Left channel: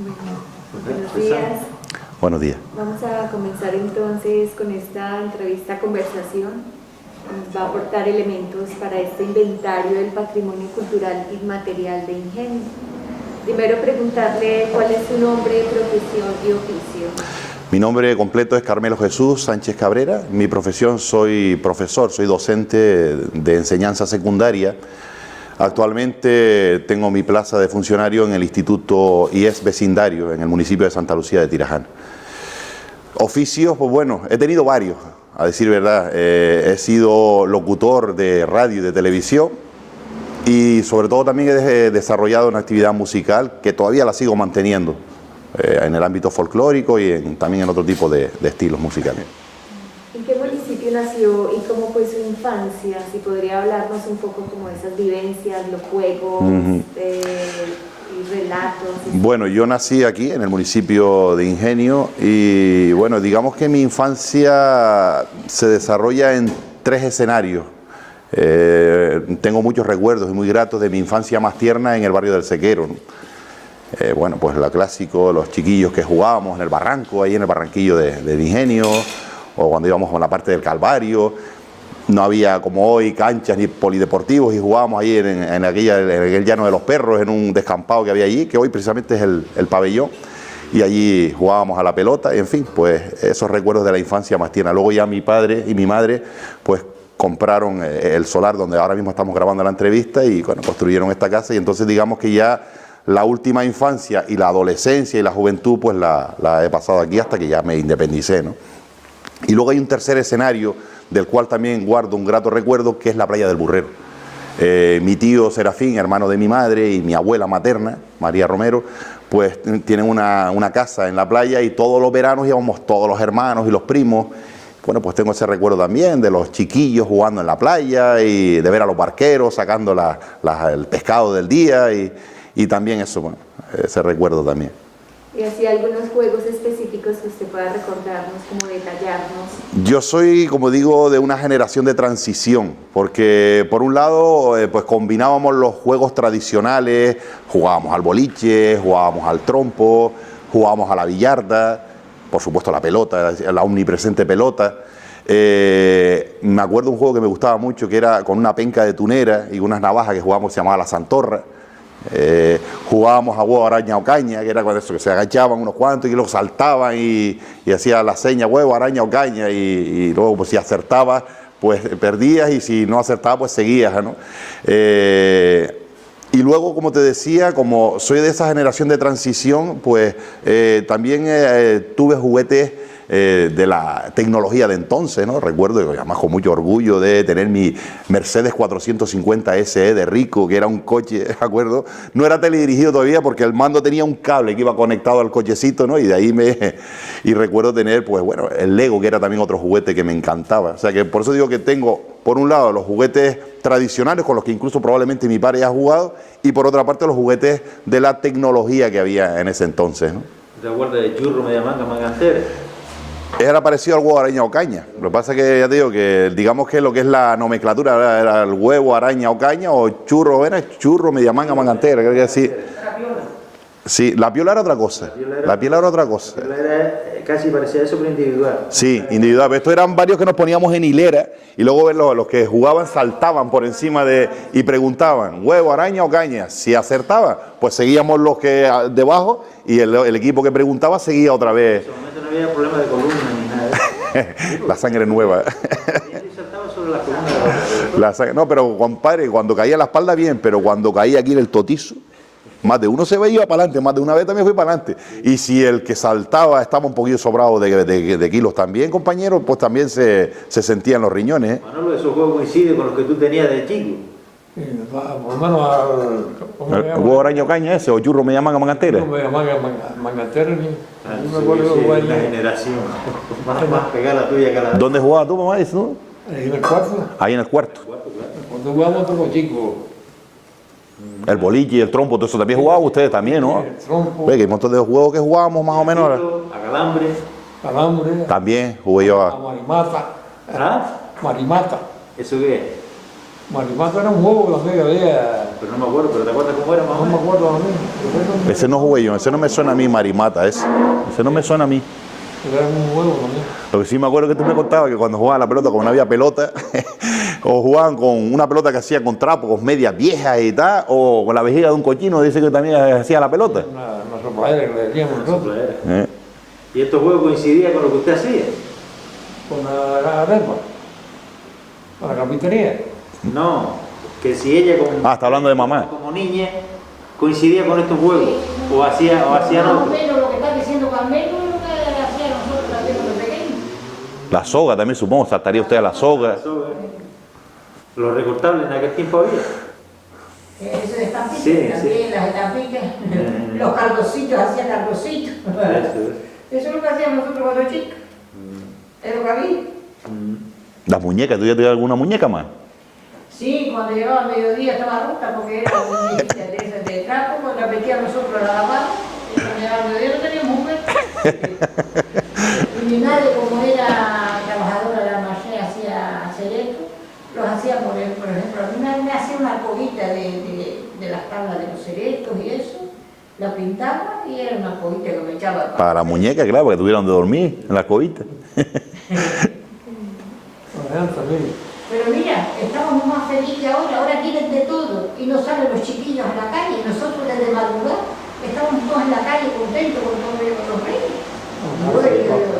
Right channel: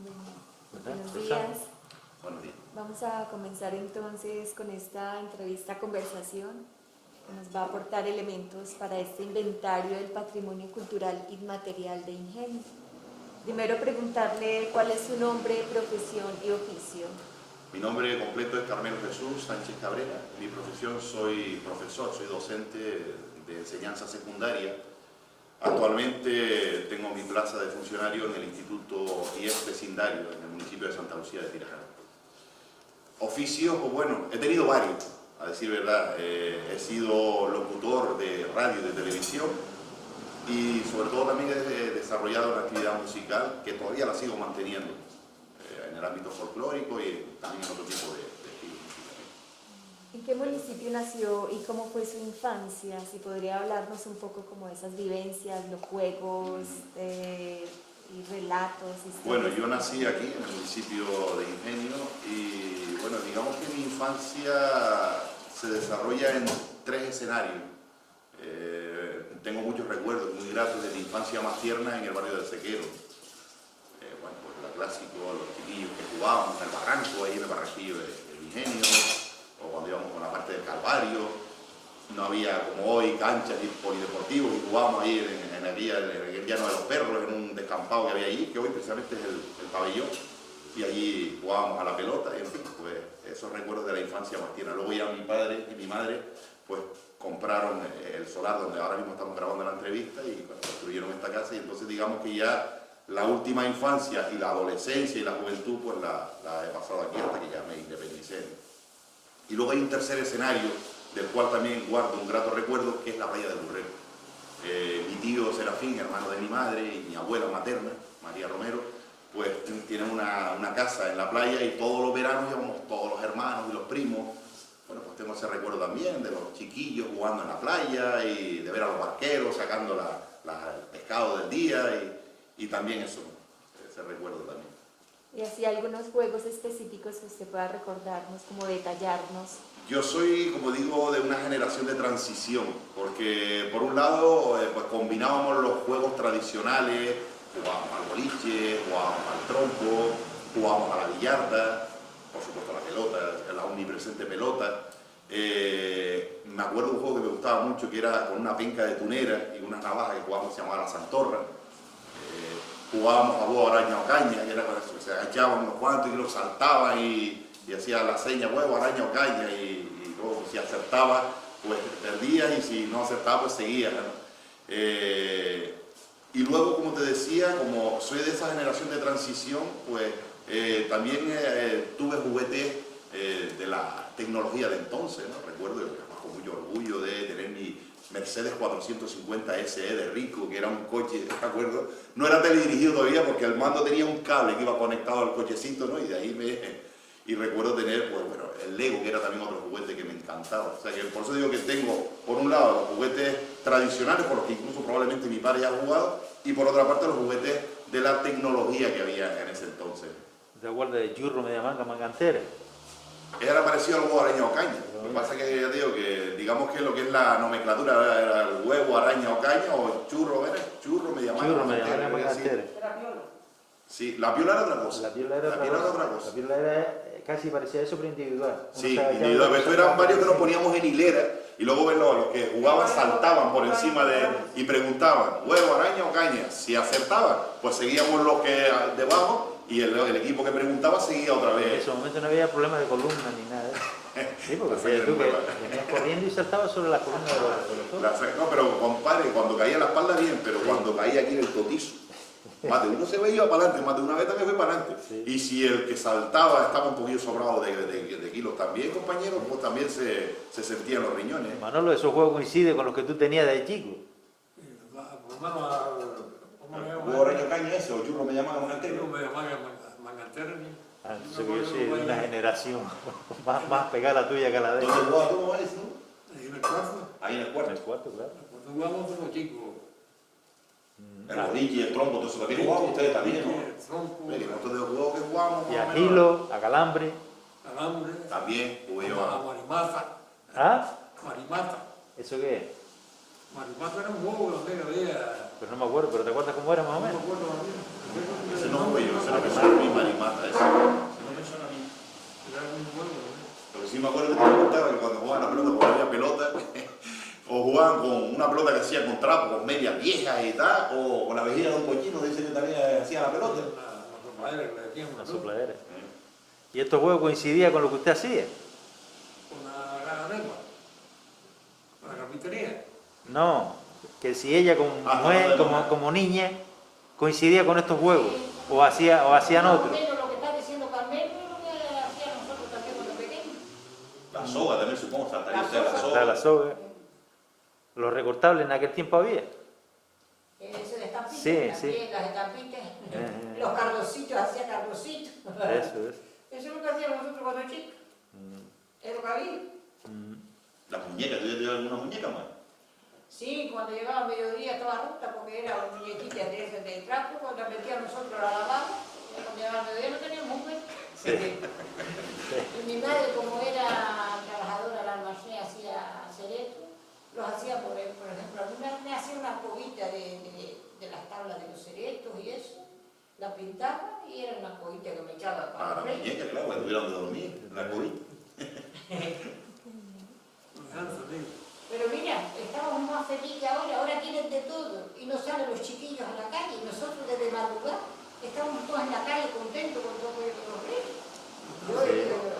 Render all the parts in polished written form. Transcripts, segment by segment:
Buenos días. Buenos días. Vamos a comenzar entonces con esta conversación. Nos va a aportar elementos para este inventario del patrimonio cultural inmaterial de Ingenio. Primero preguntarle cuál es su nombre, profesión y oficio. Mi nombre completo es Carmelo Jesús Sánchez Cabrera. Mi profesión, soy profesor, soy docente de enseñanza secundaria. Actualmente tengo mi plaza de funcionario en el Instituto IES Vecindario, en el municipio de Santa Lucía de Tirajana. Oficios, pues bueno, he tenido varios, a decir verdad. He sido locutor de radio y de televisión y sobre todo también he desarrollado una actividad musical que todavía la sigo manteniendo en el ámbito folclórico y también en otro tipo de estilos musicales. ¿En qué municipio nació y cómo fue su infancia? Si podría hablarnos un poco como de esas vivencias, los juegos, y relatos. Bueno, yo nací aquí en el municipio de Ingenio y bueno, digamos que mi infancia se desarrolla en tres escenarios. Tengo muchos recuerdos y muy gratos de mi infancia más tierna en el barrio del Sequero, ¿no? Bueno, pues la clásico, los chiquillos que jugábamos en el barranco, ahí en el barranquillo de Ingenio, o cuando íbamos con la parte del Calvario. No había como hoy canchas ni polideportivos y jugábamos ahí en aquel llano de los perros, en un descampado que había allí, que hoy precisamente es el pabellón, y allí jugábamos a la pelota, y en fin, pues esos recuerdos de la infancia más tierna. Luego ya mi padre y mi madre pues compraron el solar donde ahora mismo estamos grabando la entrevista y bueno, construyeron esta casa y entonces digamos que ya la última infancia y la adolescencia y la juventud pues la he pasado aquí hasta que ya me independicé, ¿no? Y luego hay un tercer escenario del cual también guardo un grato recuerdo, que es la playa del Burrero. Mi tío Serafín, hermano de mi madre, y mi abuela materna, María Romero, pues tienen una casa en la playa y todos los veranos íbamos todos los hermanos y los primos. Bueno, pues tengo ese recuerdo también de los chiquillos jugando en la playa y de ver a los barqueros sacando el pescado del día y también eso, bueno, ese recuerdo también. Y así algunos juegos específicos que usted pueda recordarnos, como detallarnos. Yo soy, como digo, de una generación de transición, porque por un lado pues combinábamos los juegos tradicionales, jugábamos al boliche, jugábamos al trompo, jugábamos a la billarda, por supuesto la pelota, la omnipresente pelota. Me acuerdo de un juego que me gustaba mucho, que era con una penca de tunera y unas navajas que jugábamos, se llamaba la Santorra. Jugábamos a huevo, araña o caña, que era con eso, que se agachaban unos cuantos y luego saltaban y hacía la seña huevo, araña o caña y luego pues si acertabas pues perdías y si no acertabas pues seguías, ¿no? Y luego, como te decía, como soy de esa generación de transición, pues también tuve juguetes de la tecnología de entonces, ¿no? Recuerdo, además con mucho orgullo, de tener mi Mercedes 450 SE de Rico, que era un coche, ¿de acuerdo? No era teledirigido todavía porque el mando tenía un cable que iba conectado al cochecito, ¿no? Y de ahí y recuerdo tener, pues bueno, el Lego, que era también otro juguete que me encantaba. O sea que por eso digo que tengo, por un lado, los juguetes tradicionales con los que incluso probablemente mi padre haya jugado, y por otra parte los juguetes de la tecnología que había en ese entonces, ¿no? ¿Te acuerdas de churro, media manga, mangantera? Era parecido al huevo, araña o caña. Lo que pasa es que ya te digo que digamos que lo que es la nomenclatura era el huevo, araña o caña, o churro, era churro, media manga, mangantera, creo que sí. Sí, la piola era otra cosa. La piola era otra cosa. La piola era casi parecía eso, pero individual. Sí, individual. Pero estos eran varios que nos poníamos en hilera y luego los que jugaban saltaban por encima y preguntaban, huevo, araña o caña. Si acertaban, pues seguíamos los que debajo y el equipo que preguntaba seguía otra vez. En ese momento no había problema de columna ni nada. La sangre nueva. Y saltaba sobre la columna. No, pero compadre, cuando caía la espalda bien, pero cuando caía aquí en el totizo, más de uno se veía para adelante, más de una vez también fui para adelante. Y si el que saltaba estaba un poquito sobrado de kilos también, compañero, pues también se sentían los riñones, ¿eh? Manolo, esos juegos coinciden con los que tú tenías de chico. Sí, por lo menos ¿El huevo, araña o caña ese? ¿O churro, media manga, mangantera? mangantera ni Sí, me acuerdo sí, jugar la generación. Más pegada la tuya que la de... ¿Dónde jugabas tú, mamá? ¿No? ahí en el cuarto. Ahí en el cuarto. Cuando jugábamos como chicos. El boliche y el trompo, todo eso también jugaban ustedes también, ¿no? El trompo, Ve que hay un montón de juegos que jugábamos más o menos. A calambre. calambre, También jugué yo a marimata. ¿Ah? Marimata. ¿Eso qué es? Marimata era un juego que también había pero no me acuerdo, pero ¿te acuerdas cómo era más o No me menos? acuerdo a mí. Ese no jugué yo, ese no me suena a mí, Marimata, ese no me suena a mí. Era un juego también. Lo que sí me acuerdo que tú me contabas que cuando jugaban la pelota, como no había pelota, o jugaban con una pelota que hacía con trapos, medias viejas y tal, o con la vejiga de un cochino, dice que también hacía la pelota. Una sopadera que le decíamos nosotros. Sopladera. ¿Eh? ¿Y estos juegos coincidían con lo que usted hacía? Con la arepa. Con la carpintería. No, que si ella Está hablando de mamá. como niña coincidía con estos juegos, o hacían Más o otros. menos lo que está diciendo Carmelo es lo que hacía nosotros también cuando pequeños. La soga también, supongo, saltaría usted a la soga. Los recortables en aquel tiempo había. Eso de estampitas, Sí, también, las estampitas, los cardocitos, hacían cardocitos. Eso es lo que hacíamos nosotros cuando chicos. Es lo que había. Las muñecas, ¿tú ya tuviste alguna muñeca más? Sí, cuando llegaba al mediodía estaba rota porque era una muñequita de esas de trapo, cuando la metíamos nosotros a la lavada, y cuando llegaba al mediodía no teníamos un mes. Y mi madre, como era trabajadora de la marché, hacía hacer esto, los hacía por ejemplo, a mí me hacía una arcovita de las tablas de los ceretos y eso, la pintaba y era una arcovita que me echaba Para la muñeca, claro, porque tuvieron de dormir en la cobita. También. Pero mira, estamos más felices ahora tienen de todo y no salen los chiquillos a la calle, nosotros desde madrugada estamos todos en la calle contentos con todo los reyes.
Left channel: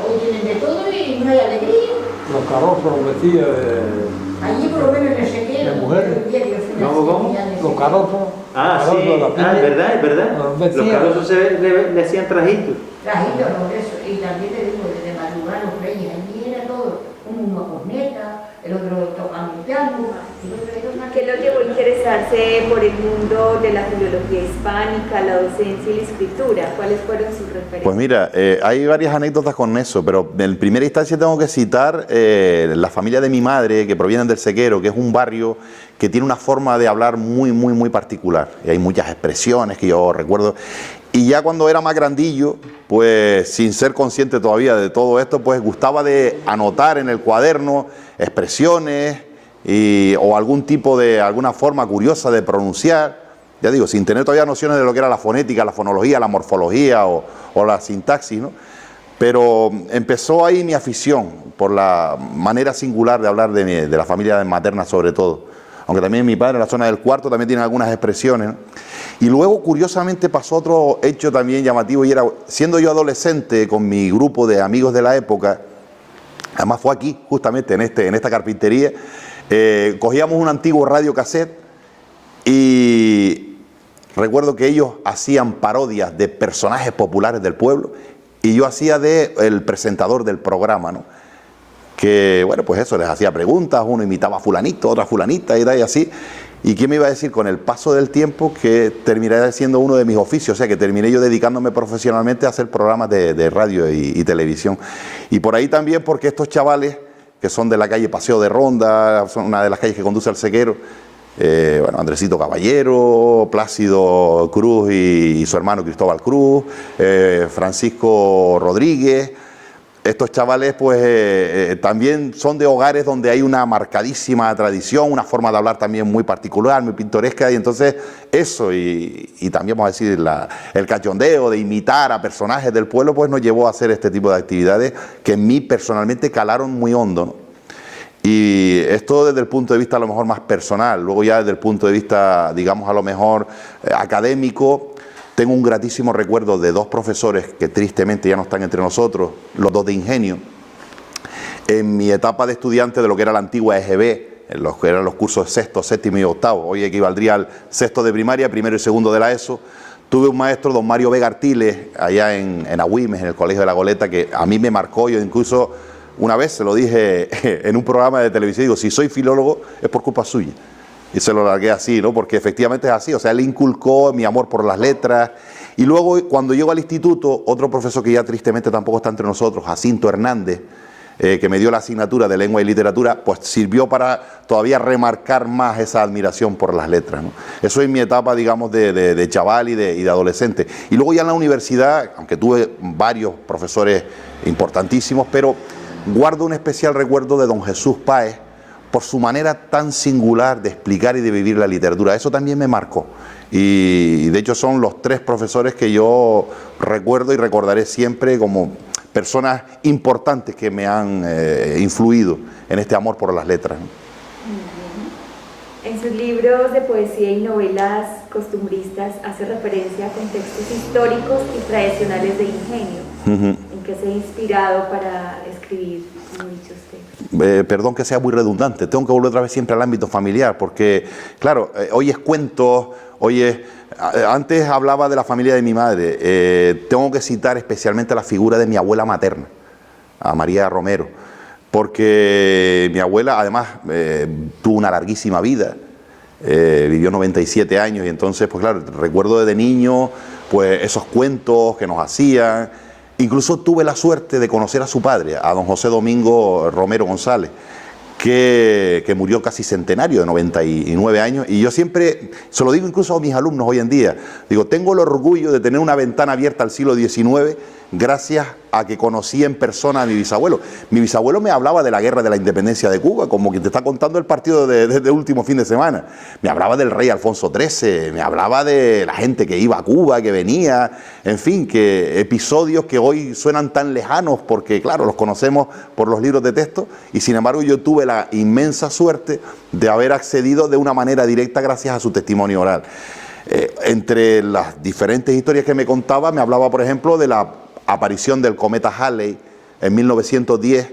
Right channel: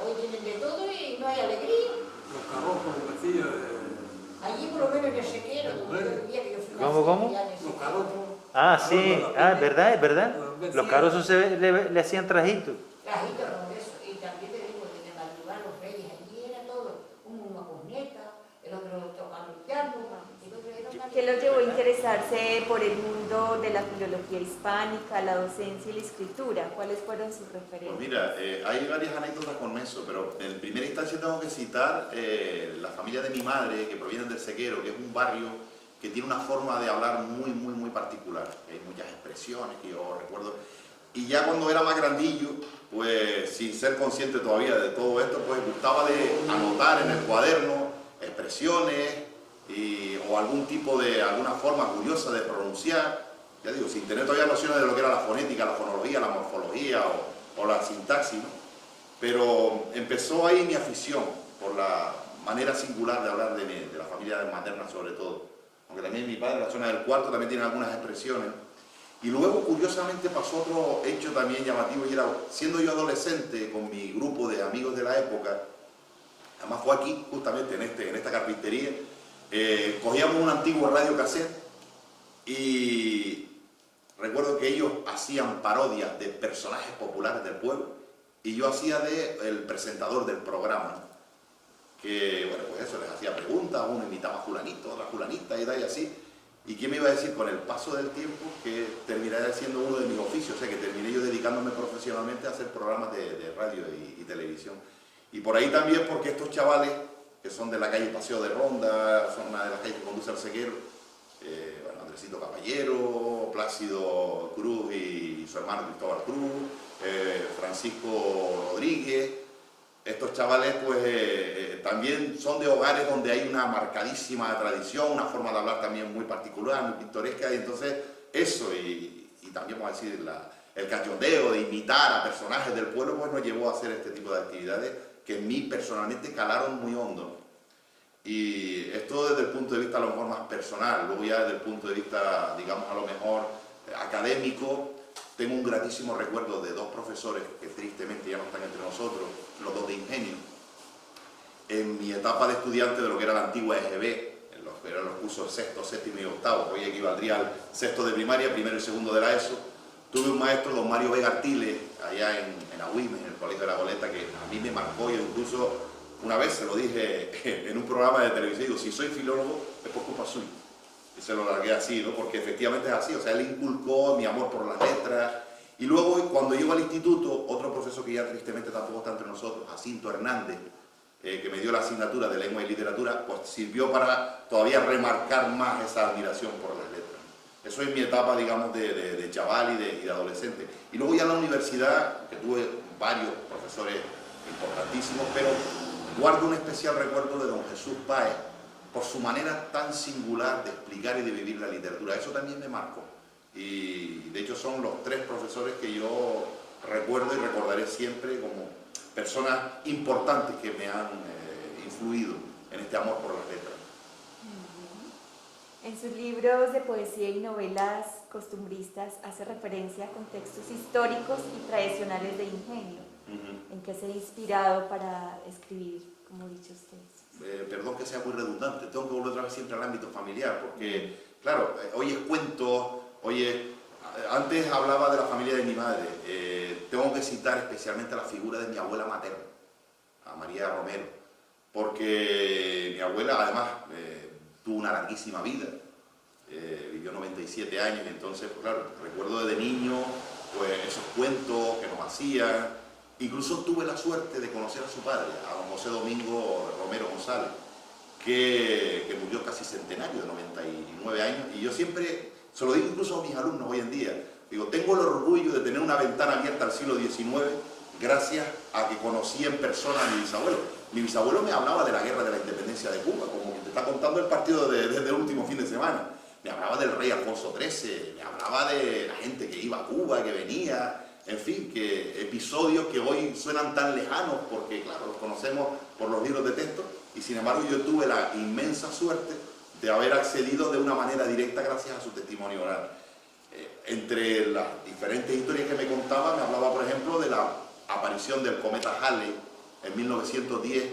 Hoy tienen de todo y no hay alegría. Los carrozos los vestidos de Allí por lo menos en el sequero, ¿De mujeres? el día que yo fui a ¿Cómo, la cómo? sequía de los sequero. carrozos. Ah, sí, carrozos, la piña. es verdad. Los Los vestidos. carrozos le hacían trajitos. Trajitos, ¿no? Eso. Y también te digo, desde madrugada los reyes, allí era todo, uno una corneta, el otro tocando un piano, el otro era una... ¿Qué lo llevó a interesarse por el mundo de la filología hispánica, la docencia y la escritura? ¿Cuáles fueron sus referencias? Pues mira, hay varias anécdotas con eso, pero en primera instancia tengo que citar la familia de mi madre, que provienen del Sequero, que es un barrio que tiene una forma de hablar muy particular. Y hay muchas expresiones que yo recuerdo. Y ya cuando era más grandillo, pues sin ser consciente todavía de todo esto, pues gustaba de anotar en el cuaderno expresiones o algún tipo de, alguna forma curiosa de pronunciar, ya digo, sin tener todavía nociones de lo que era la fonética, la fonología, la morfología o la sintaxis, ¿no? Pero empezó ahí mi afición por la manera singular de hablar de la familia materna sobre todo, aunque también mi padre en la zona del Cuarto también tiene algunas expresiones, ¿no? Y luego curiosamente pasó otro hecho también llamativo y era, siendo yo adolescente con mi grupo de amigos de la época, además fue aquí, justamente en esta carpintería, cogíamos un antiguo radio cassette y recuerdo que ellos hacían parodias de personajes populares del pueblo y yo hacía de el presentador del programa, ¿no? Que, bueno, pues eso, les hacía preguntas, uno imitaba a fulanito, otra fulanita y tal y así. ¿Y quién me iba a decir con el paso del tiempo que terminaría siendo uno de mis oficios? O sea, que terminé yo dedicándome profesionalmente a hacer programas de radio y televisión. Y por ahí también porque estos chavales, que son de la calle Paseo de Ronda, son una de las calles que conduce al Sequero, bueno, Andresito Caballero, Plácido Cruz y su hermano Cristóbal Cruz, Francisco Rodríguez. Estos chavales pues también son de hogares donde hay una marcadísima tradición, una forma de hablar también muy particular, muy pintoresca, y entonces eso y también vamos a decir el cachondeo de imitar a personajes del pueblo pues nos llevó a hacer este tipo de actividades que en mí personalmente calaron muy hondo, ¿no? Y esto desde el punto de vista a lo mejor más personal, luego ya desde el punto de vista digamos a lo mejor académico. Tengo un gratísimo recuerdo de dos profesores que tristemente ya no están entre nosotros, los dos de Ingenio, en mi etapa de estudiante de lo que era la antigua EGB, en los que eran los cursos sexto, séptimo y octavo, hoy equivaldría al sexto de primaria, primero y segundo de la ESO. Tuve un maestro, don Mario Vega Artiles, allá en Agüimes, en el Colegio de la Goleta, que a mí me marcó. Yo incluso una vez se lo dije en un programa de televisión, digo, si soy filólogo es por culpa suya. Y se lo largué así, ¿no? Porque efectivamente es así, o sea, él inculcó mi amor por las letras. Y luego, cuando llego al instituto, otro profesor que ya tristemente tampoco está entre nosotros, Jacinto Hernández, que me dio la asignatura de lengua y literatura, pues sirvió para todavía remarcar más esa admiración por las letras, ¿no? Eso es mi etapa, digamos, de chaval y de adolescente. Y luego ya en la universidad, aunque tuve varios profesores importantísimos, pero guardo un especial recuerdo de don Jesús Páez, por su manera tan singular de explicar y de vivir la literatura. Eso también me marcó. Y de hecho son los 3 profesores que yo recuerdo y recordaré siempre como personas importantes que me han influido en este amor por las letras. En sus libros de poesía y novelas costumbristas hace referencia a contextos históricos y tradicionales de Ingenio. ¿En qué se ha inspirado para escribir dichos textos? Perdón que sea muy redundante, tengo que volver otra vez siempre al ámbito familiar, porque, claro, hoy es cuentos, antes hablaba de la familia de mi madre, tengo que citar especialmente la figura de mi abuela materna, a María Romero, porque mi abuela además tuvo una larguísima vida, vivió 97 años y entonces, pues claro, recuerdo desde niño pues esos cuentos que nos hacían. Incluso tuve la suerte de conocer a su padre, a don José Domingo Romero González, que murió casi centenario, de 99 años, y yo siempre, se lo digo incluso a mis alumnos hoy en día, digo, tengo el orgullo de tener una ventana abierta al siglo XIX gracias a que conocí en persona a mi bisabuelo. Mi bisabuelo me hablaba de la guerra de la independencia de Cuba, como quien te está contando el partido de último fin de semana. Me hablaba del rey Alfonso XIII, me hablaba de la gente que iba a Cuba, que venía, en fin, que episodios que hoy suenan tan lejanos porque, claro, los conocemos por los libros de texto y, sin embargo, yo tuve la inmensa suerte de haber accedido de una manera directa gracias a su testimonio oral. Entre las diferentes historias que me contaba, me hablaba, por ejemplo, de la aparición del cometa Halley en 1910,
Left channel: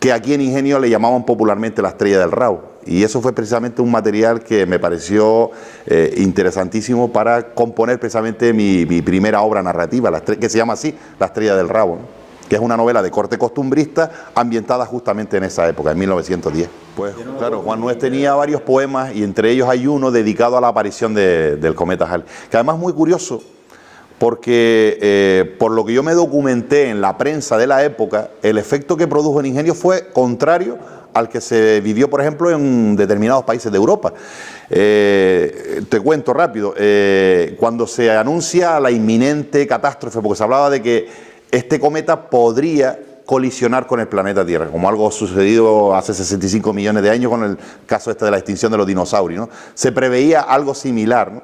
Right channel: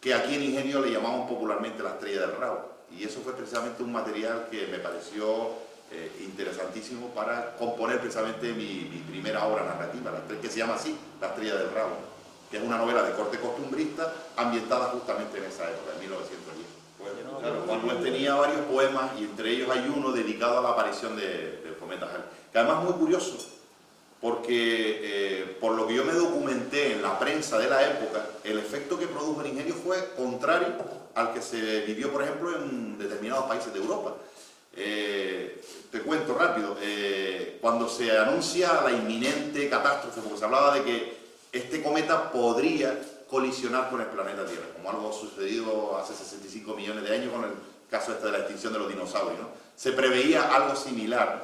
que aquí en Ingenio le llamaban popularmente la estrella del Rabo, y eso fue precisamente un material que me pareció interesantísimo para componer precisamente mi primera obra narrativa, que se llama así, La estrella del Rabo, que es una novela de corte costumbrista ambientada justamente en esa época, en 1910. Pues claro, Juan Nués tenía varios poemas y entre ellos hay uno dedicado a la aparición del cometa Halley, que además es muy curioso, porque por lo que yo me documenté en la prensa de la época, el efecto que produjo en Ingenio fue contrario al que se vivió, por ejemplo, en determinados países de Europa. Te cuento rápido, cuando se anuncia la inminente catástrofe, porque se hablaba de que este cometa podría colisionar con el planeta Tierra, como algo sucedido hace 65 millones de años con el caso de la extinción de los dinosaurios, ¿no? Se preveía algo similar, ¿no?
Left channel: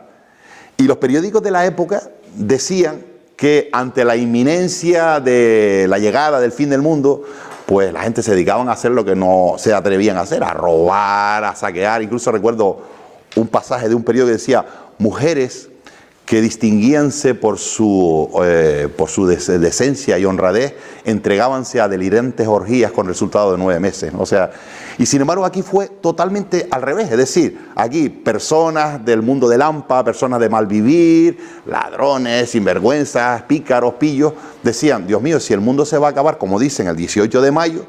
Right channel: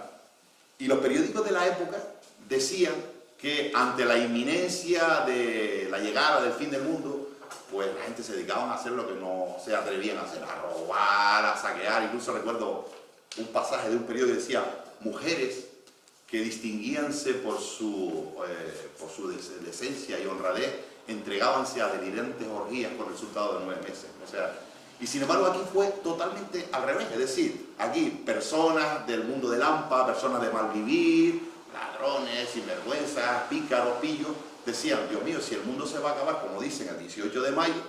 Y los periódicos de la época decían que ante la inminencia de la llegada del fin del mundo, pues la gente se dedicaban a hacer lo que no se atrevían a hacer, a robar, a saquear. Incluso recuerdo un pasaje de un periódico que decía, mujeres que distinguíanse por su decencia y honradez, entregábanse a delirantes orgías con resultado de 9 meses. O sea, y sin embargo aquí fue totalmente al revés, es decir, aquí personas del mundo del hampa, personas de mal vivir, ladrones, sinvergüenzas, pícaros, pillos, decían, Dios mío, si el mundo se va a acabar, como dicen, el 18 de mayo,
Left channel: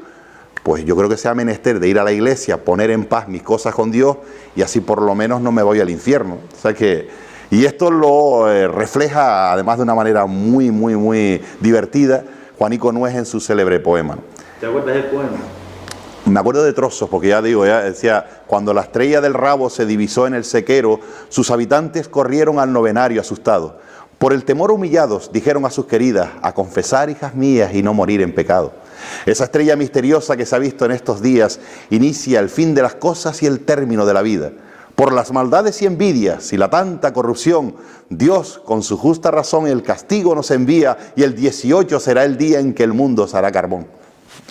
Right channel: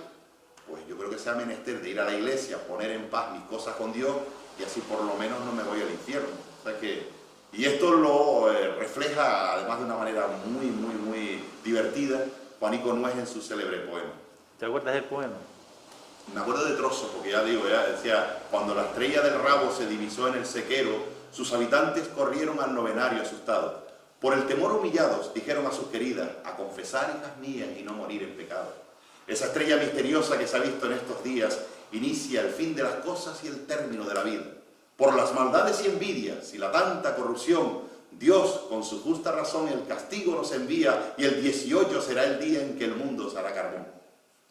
pues yo creo que sea menester de ir a la iglesia, poner en paz mis cosas con Dios y así por lo menos no me voy al infierno. O sea que, y esto lo refleja además de una manera muy, muy, muy divertida Juanico Nués en su célebre poema. ¿Te acuerdas del poema? Me acuerdo de trozos, porque ya digo, ya decía, cuando la estrella del Rabo se divisó en el sequero, sus habitantes corrieron al novenario asustados. Por el temor humillados, dijeron a sus queridas, a confesar, hijas mías, y no morir en pecado. Esa estrella misteriosa que se ha visto en estos días inicia el fin de las cosas y el término de la vida. Por las maldades y envidias y la tanta corrupción, Dios, con su justa razón, el castigo nos envía y el 18 será el día en que el mundo será carbón.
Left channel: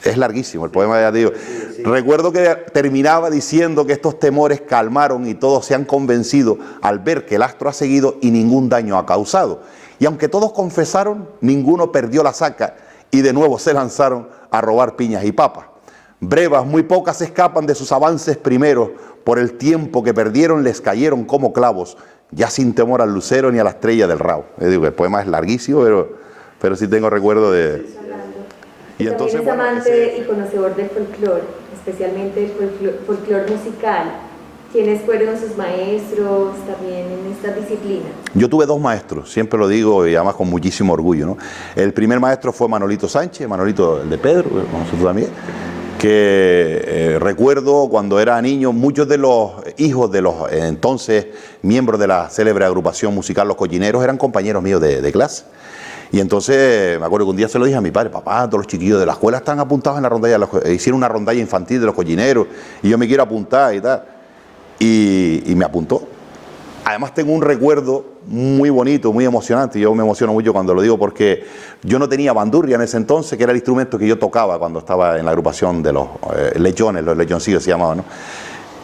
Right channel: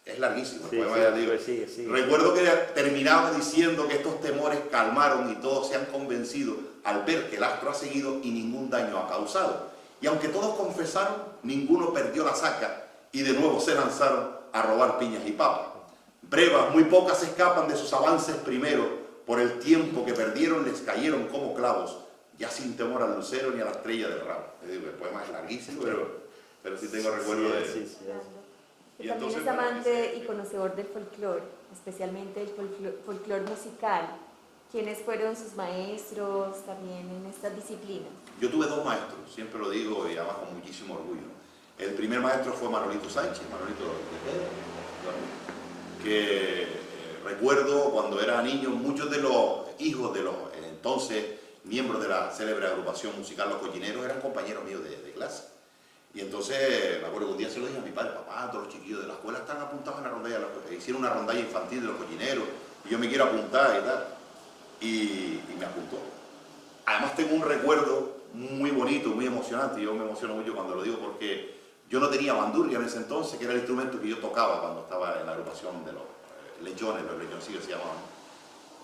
Es larguísimo el poema, ya digo. Sí. Recuerdo que terminaba diciendo que estos temores calmaron y todos se han convencido al ver que el astro ha seguido y ningún daño ha causado. Y aunque todos confesaron, ninguno perdió la saca y de nuevo se lanzaron a robar piñas y papas. Brevas, muy pocas escapan de sus avances primeros, por el tiempo que perdieron les cayeron como clavos, ya sin temor al lucero ni a la estrella del Rabo. Digo, el poema es larguísimo, pero sí tengo recuerdo de... Y entonces, también es amante y conocedor del folclore, especialmente el folclore musical. ¿Quiénes fueron sus maestros también en esta disciplina? Yo tuve 2 maestros, siempre lo digo y además con muchísimo orgullo, ¿no? El primer maestro fue Manolito Sánchez, Manolito el de Pedro, nosotros también, que recuerdo cuando era niño, muchos de los hijos de los entonces miembros de la célebre agrupación musical Los Collineros eran compañeros míos de clase. Y entonces me acuerdo que un día se lo dije a mi padre: papá, todos los chiquillos de la escuela están apuntados en la rondalla, hicieron una rondalla infantil de los collineros y yo me quiero apuntar y tal. Y me apuntó. Además tengo un recuerdo muy bonito, muy emocionante. Yo me emociono mucho cuando lo digo porque yo no tenía bandurria en ese entonces, que era el instrumento que yo tocaba cuando estaba en la agrupación de los lechones, los lechoncillos se llamaban, ¿no?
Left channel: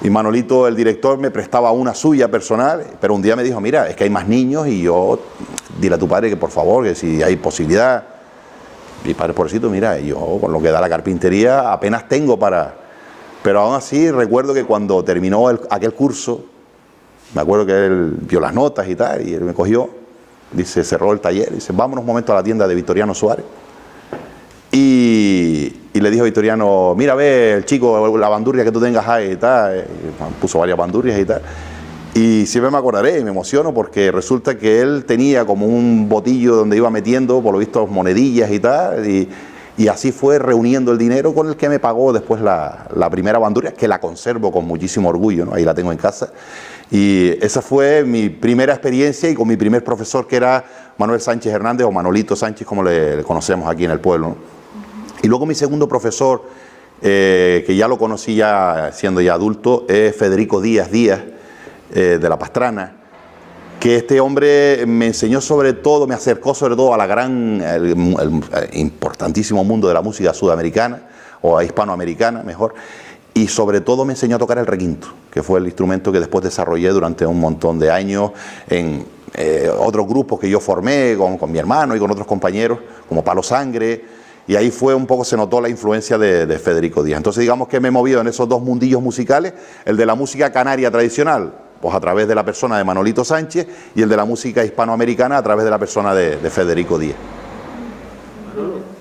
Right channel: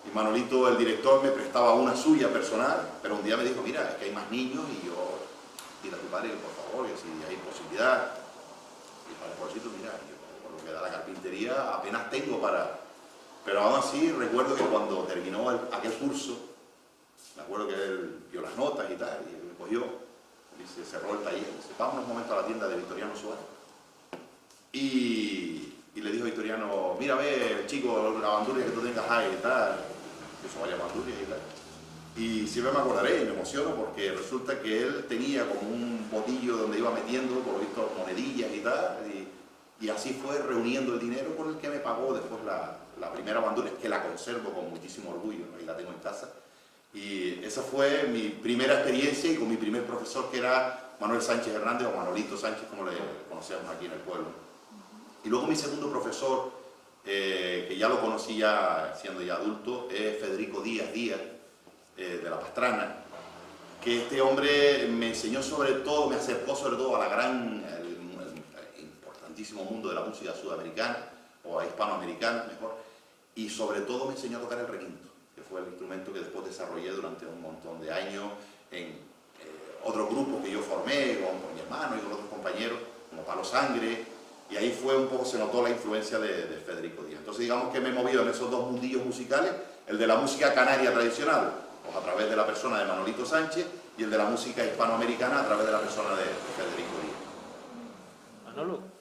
Y Manolito, el director, me prestaba una suya personal, pero un día me dijo: mira, es que hay más niños y yo, dile a tu padre que por favor, que si hay posibilidad. Mi padre, pobrecito, mira, yo con lo que da la carpintería apenas tengo para... Pero aún así recuerdo que cuando terminó aquel curso, me acuerdo que él vio las notas y tal, y él me cogió, dice, cerró el taller, dice: vámonos un momento a la tienda de Victoriano Suárez. Y le dijo a Victoriano: mira, ve, el chico, la bandurria que tú tengas ahí y tal. Y puso varias bandurrias y tal. Y siempre me acordaré y me emociono porque resulta que él tenía como un botillo donde iba metiendo, por lo visto, monedillas y tal. Y así fue reuniendo el dinero con el que me pagó después la primera bandurria, que la conservo con muchísimo orgullo, ¿no? Ahí la tengo en casa. Y esa fue mi primera experiencia y con mi primer profesor, que era Manuel Sánchez Hernández, o Manolito Sánchez, como le conocemos aquí en el pueblo, ¿no? Y luego mi segundo profesor, que ya lo conocí ya siendo ya adulto, es Federico Díaz de La Pastrana, que este hombre me enseñó sobre todo, me acercó sobre todo a la el importantísimo mundo de la música sudamericana, o a hispanoamericana mejor, y sobre todo me enseñó a tocar el requinto, que fue el instrumento que después desarrollé durante un montón de años en otros grupos que yo formé con mi hermano y con otros compañeros, como Palo Sangre. Y ahí fue un poco, se notó la influencia de Federico Díaz. Entonces digamos que me he movido en esos dos mundillos musicales, el de la música canaria tradicional, pues a través de la persona de Manolito Sánchez, y el de la música hispanoamericana a través de la persona de Federico Díaz.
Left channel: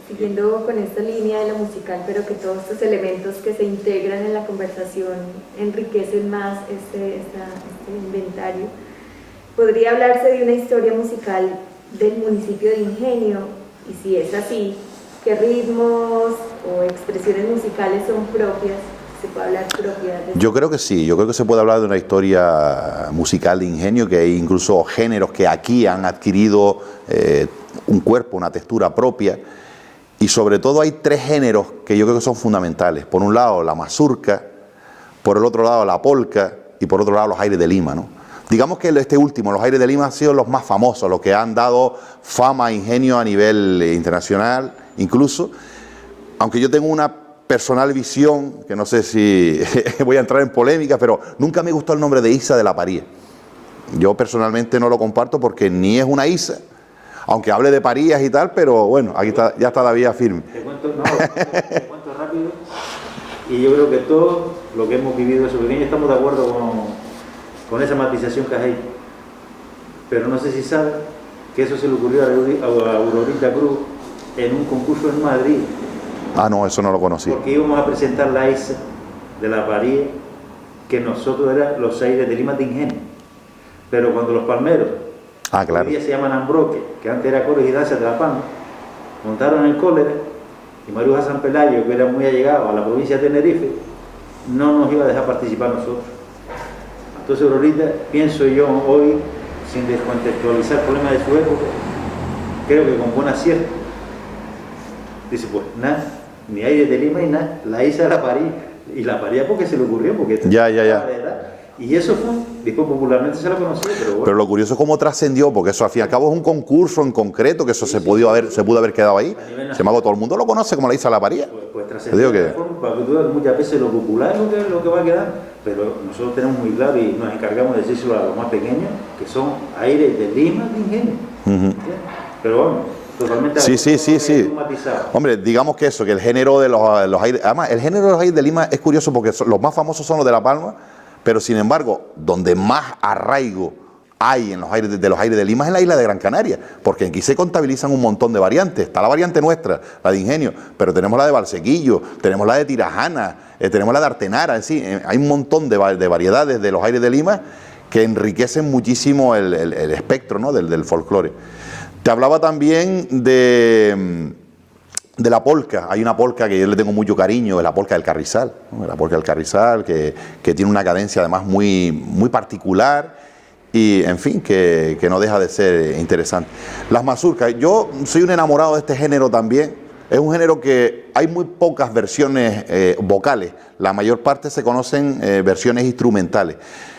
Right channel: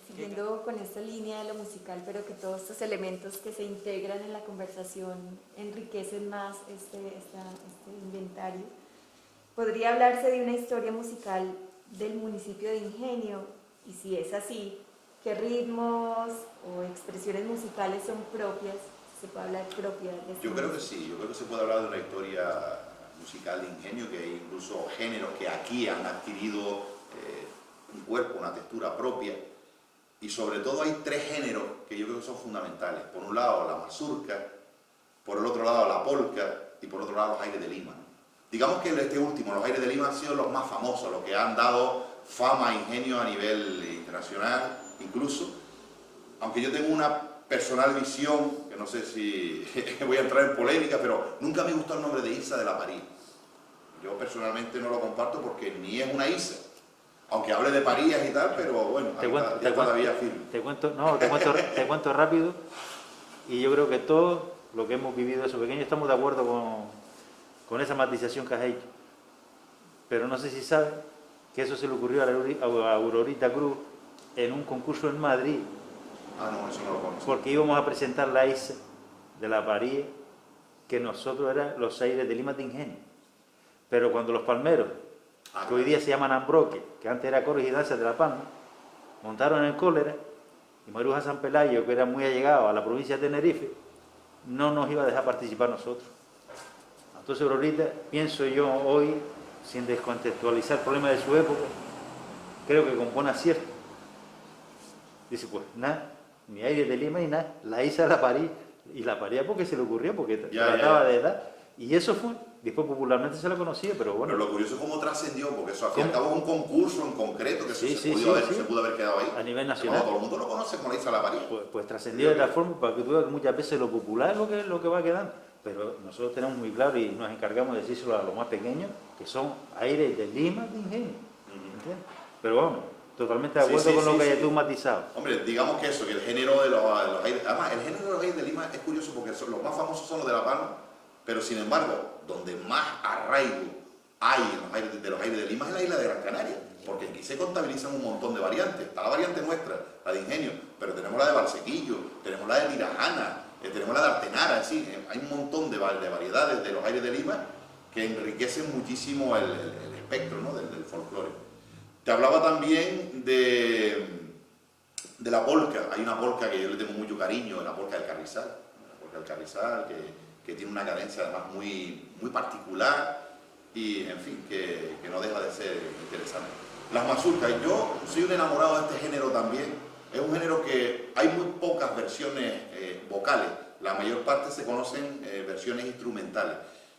Siguiendo con esta línea de la musical, pero que todos estos elementos que se integran en la conversación enriquecen más este inventario, ¿podría hablarse de una historia musical del municipio de Ingenio? Y si es así, ¿qué ritmos o expresiones musicales son propias? ¿Se puede hablar propias? Yo creo que sí, yo creo que se puede hablar de una historia musical de Ingenio, que hay incluso géneros que aquí han adquirido un cuerpo, una textura propia, y sobre todo hay tres géneros que yo creo que son fundamentales. Por un lado la mazurca, por el otro lado la polca y por otro lado los aires de Lima, ¿no? Digamos que este último, los aires de Lima, han sido los más famosos, los que han dado fama a Ingenio a nivel internacional, incluso, aunque yo tengo una personal visión, que no sé si voy a entrar en polémica, pero nunca me gustó el nombre de Isa de la Paría. Yo personalmente no lo comparto porque ni es una Isa, aunque hable de parías y tal, pero bueno, aquí está, ya está la vía firme. Te cuento rápido, y yo creo que todos lo que hemos vivido de su pequeño estamos de acuerdo con esa matización que has hecho. Pero no sé si sabes que eso se le ocurrió a Aurorita Cruz en un concurso en Madrid. Ah, no, eso no lo conocí. Porque íbamos a presentar la Isa de la Paría, que nosotros eran los aires de Lima de Ingenio. Pero cuando los palmeros, claro, hoy día se llaman Ambroque, que antes era Coros y Danzas de La Palma, montaron el cólera, y Maruja San Pelayo, que era muy allegado a la provincia de Tenerife, no nos iba a dejar participar nosotros. Entonces ahorita pienso yo hoy, sin descontextualizar problemas de su época, creo que con buen acierto, dice, pues nada, ni aire de Lima y nada, la Isa la parí, y la paría porque se le ocurrió, porque ya. De edad. Y eso fue, después popularmente se la conocía, pero bueno. Pero lo curioso es cómo trascendió, porque eso al fin y al cabo es un concurso en concreto, que eso se pudo haber quedado ahí. Sin embargo, todo el mundo lo conoce como la Isa la Paría. Pues trascendió de tal forma, para que tú veas muchas veces lo popular es lo que va a quedar, pero nosotros tenemos muy claro y nos encargamos de decírselo a los más pequeños, que son aires de Lima, de Ingenio. Pero bueno, totalmente de acuerdo con lo que tú matizabas. Hombre, digamos que eso, que el género de los aires, además el género de los aires de Lima es curioso porque los más famosos son los de La Palma, pero sin embargo, donde más arraigo hay en los aires de Lima es en la isla de Gran Canaria, porque aquí se contabilizan un montón de variantes. Está la variante nuestra, la de Ingenio, pero tenemos la de Valsequillo, tenemos la de Tirajana, tenemos la de Artenara, es decir, hay un montón de variedades de los aires de Lima que enriquecen muchísimo el espectro, ¿no?, del folclore. Te hablaba también de la polca. Hay una polca que yo le tengo mucho cariño, es la polca del Carrizal, ¿no? La polca del Carrizal, que tiene una cadencia además muy particular y en fin, que no deja de ser interesante. Las mazurcas, yo soy un enamorado de este género también. Es un género que hay muy pocas versiones vocales, la mayor parte se conocen versiones instrumentales.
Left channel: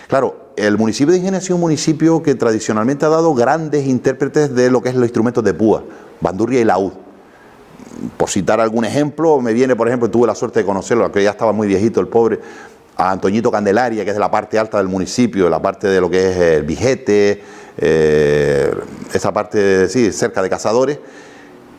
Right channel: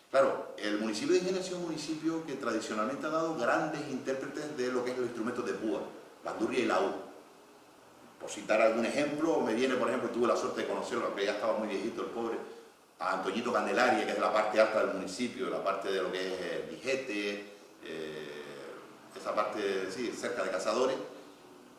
Claro, el municipio de Ingenio ha sido un municipio que tradicionalmente ha dado grandes intérpretes de lo que es los instrumentos de púa, bandurria y laúd. Por citar algún ejemplo, me viene, por ejemplo, tuve la suerte de conocerlo, que ya estaba muy viejito el pobre, a Antoñito Candelaria, que es de la parte alta del municipio, de la parte de lo que es el Vigete, esa parte, sí, cerca de Cazadores,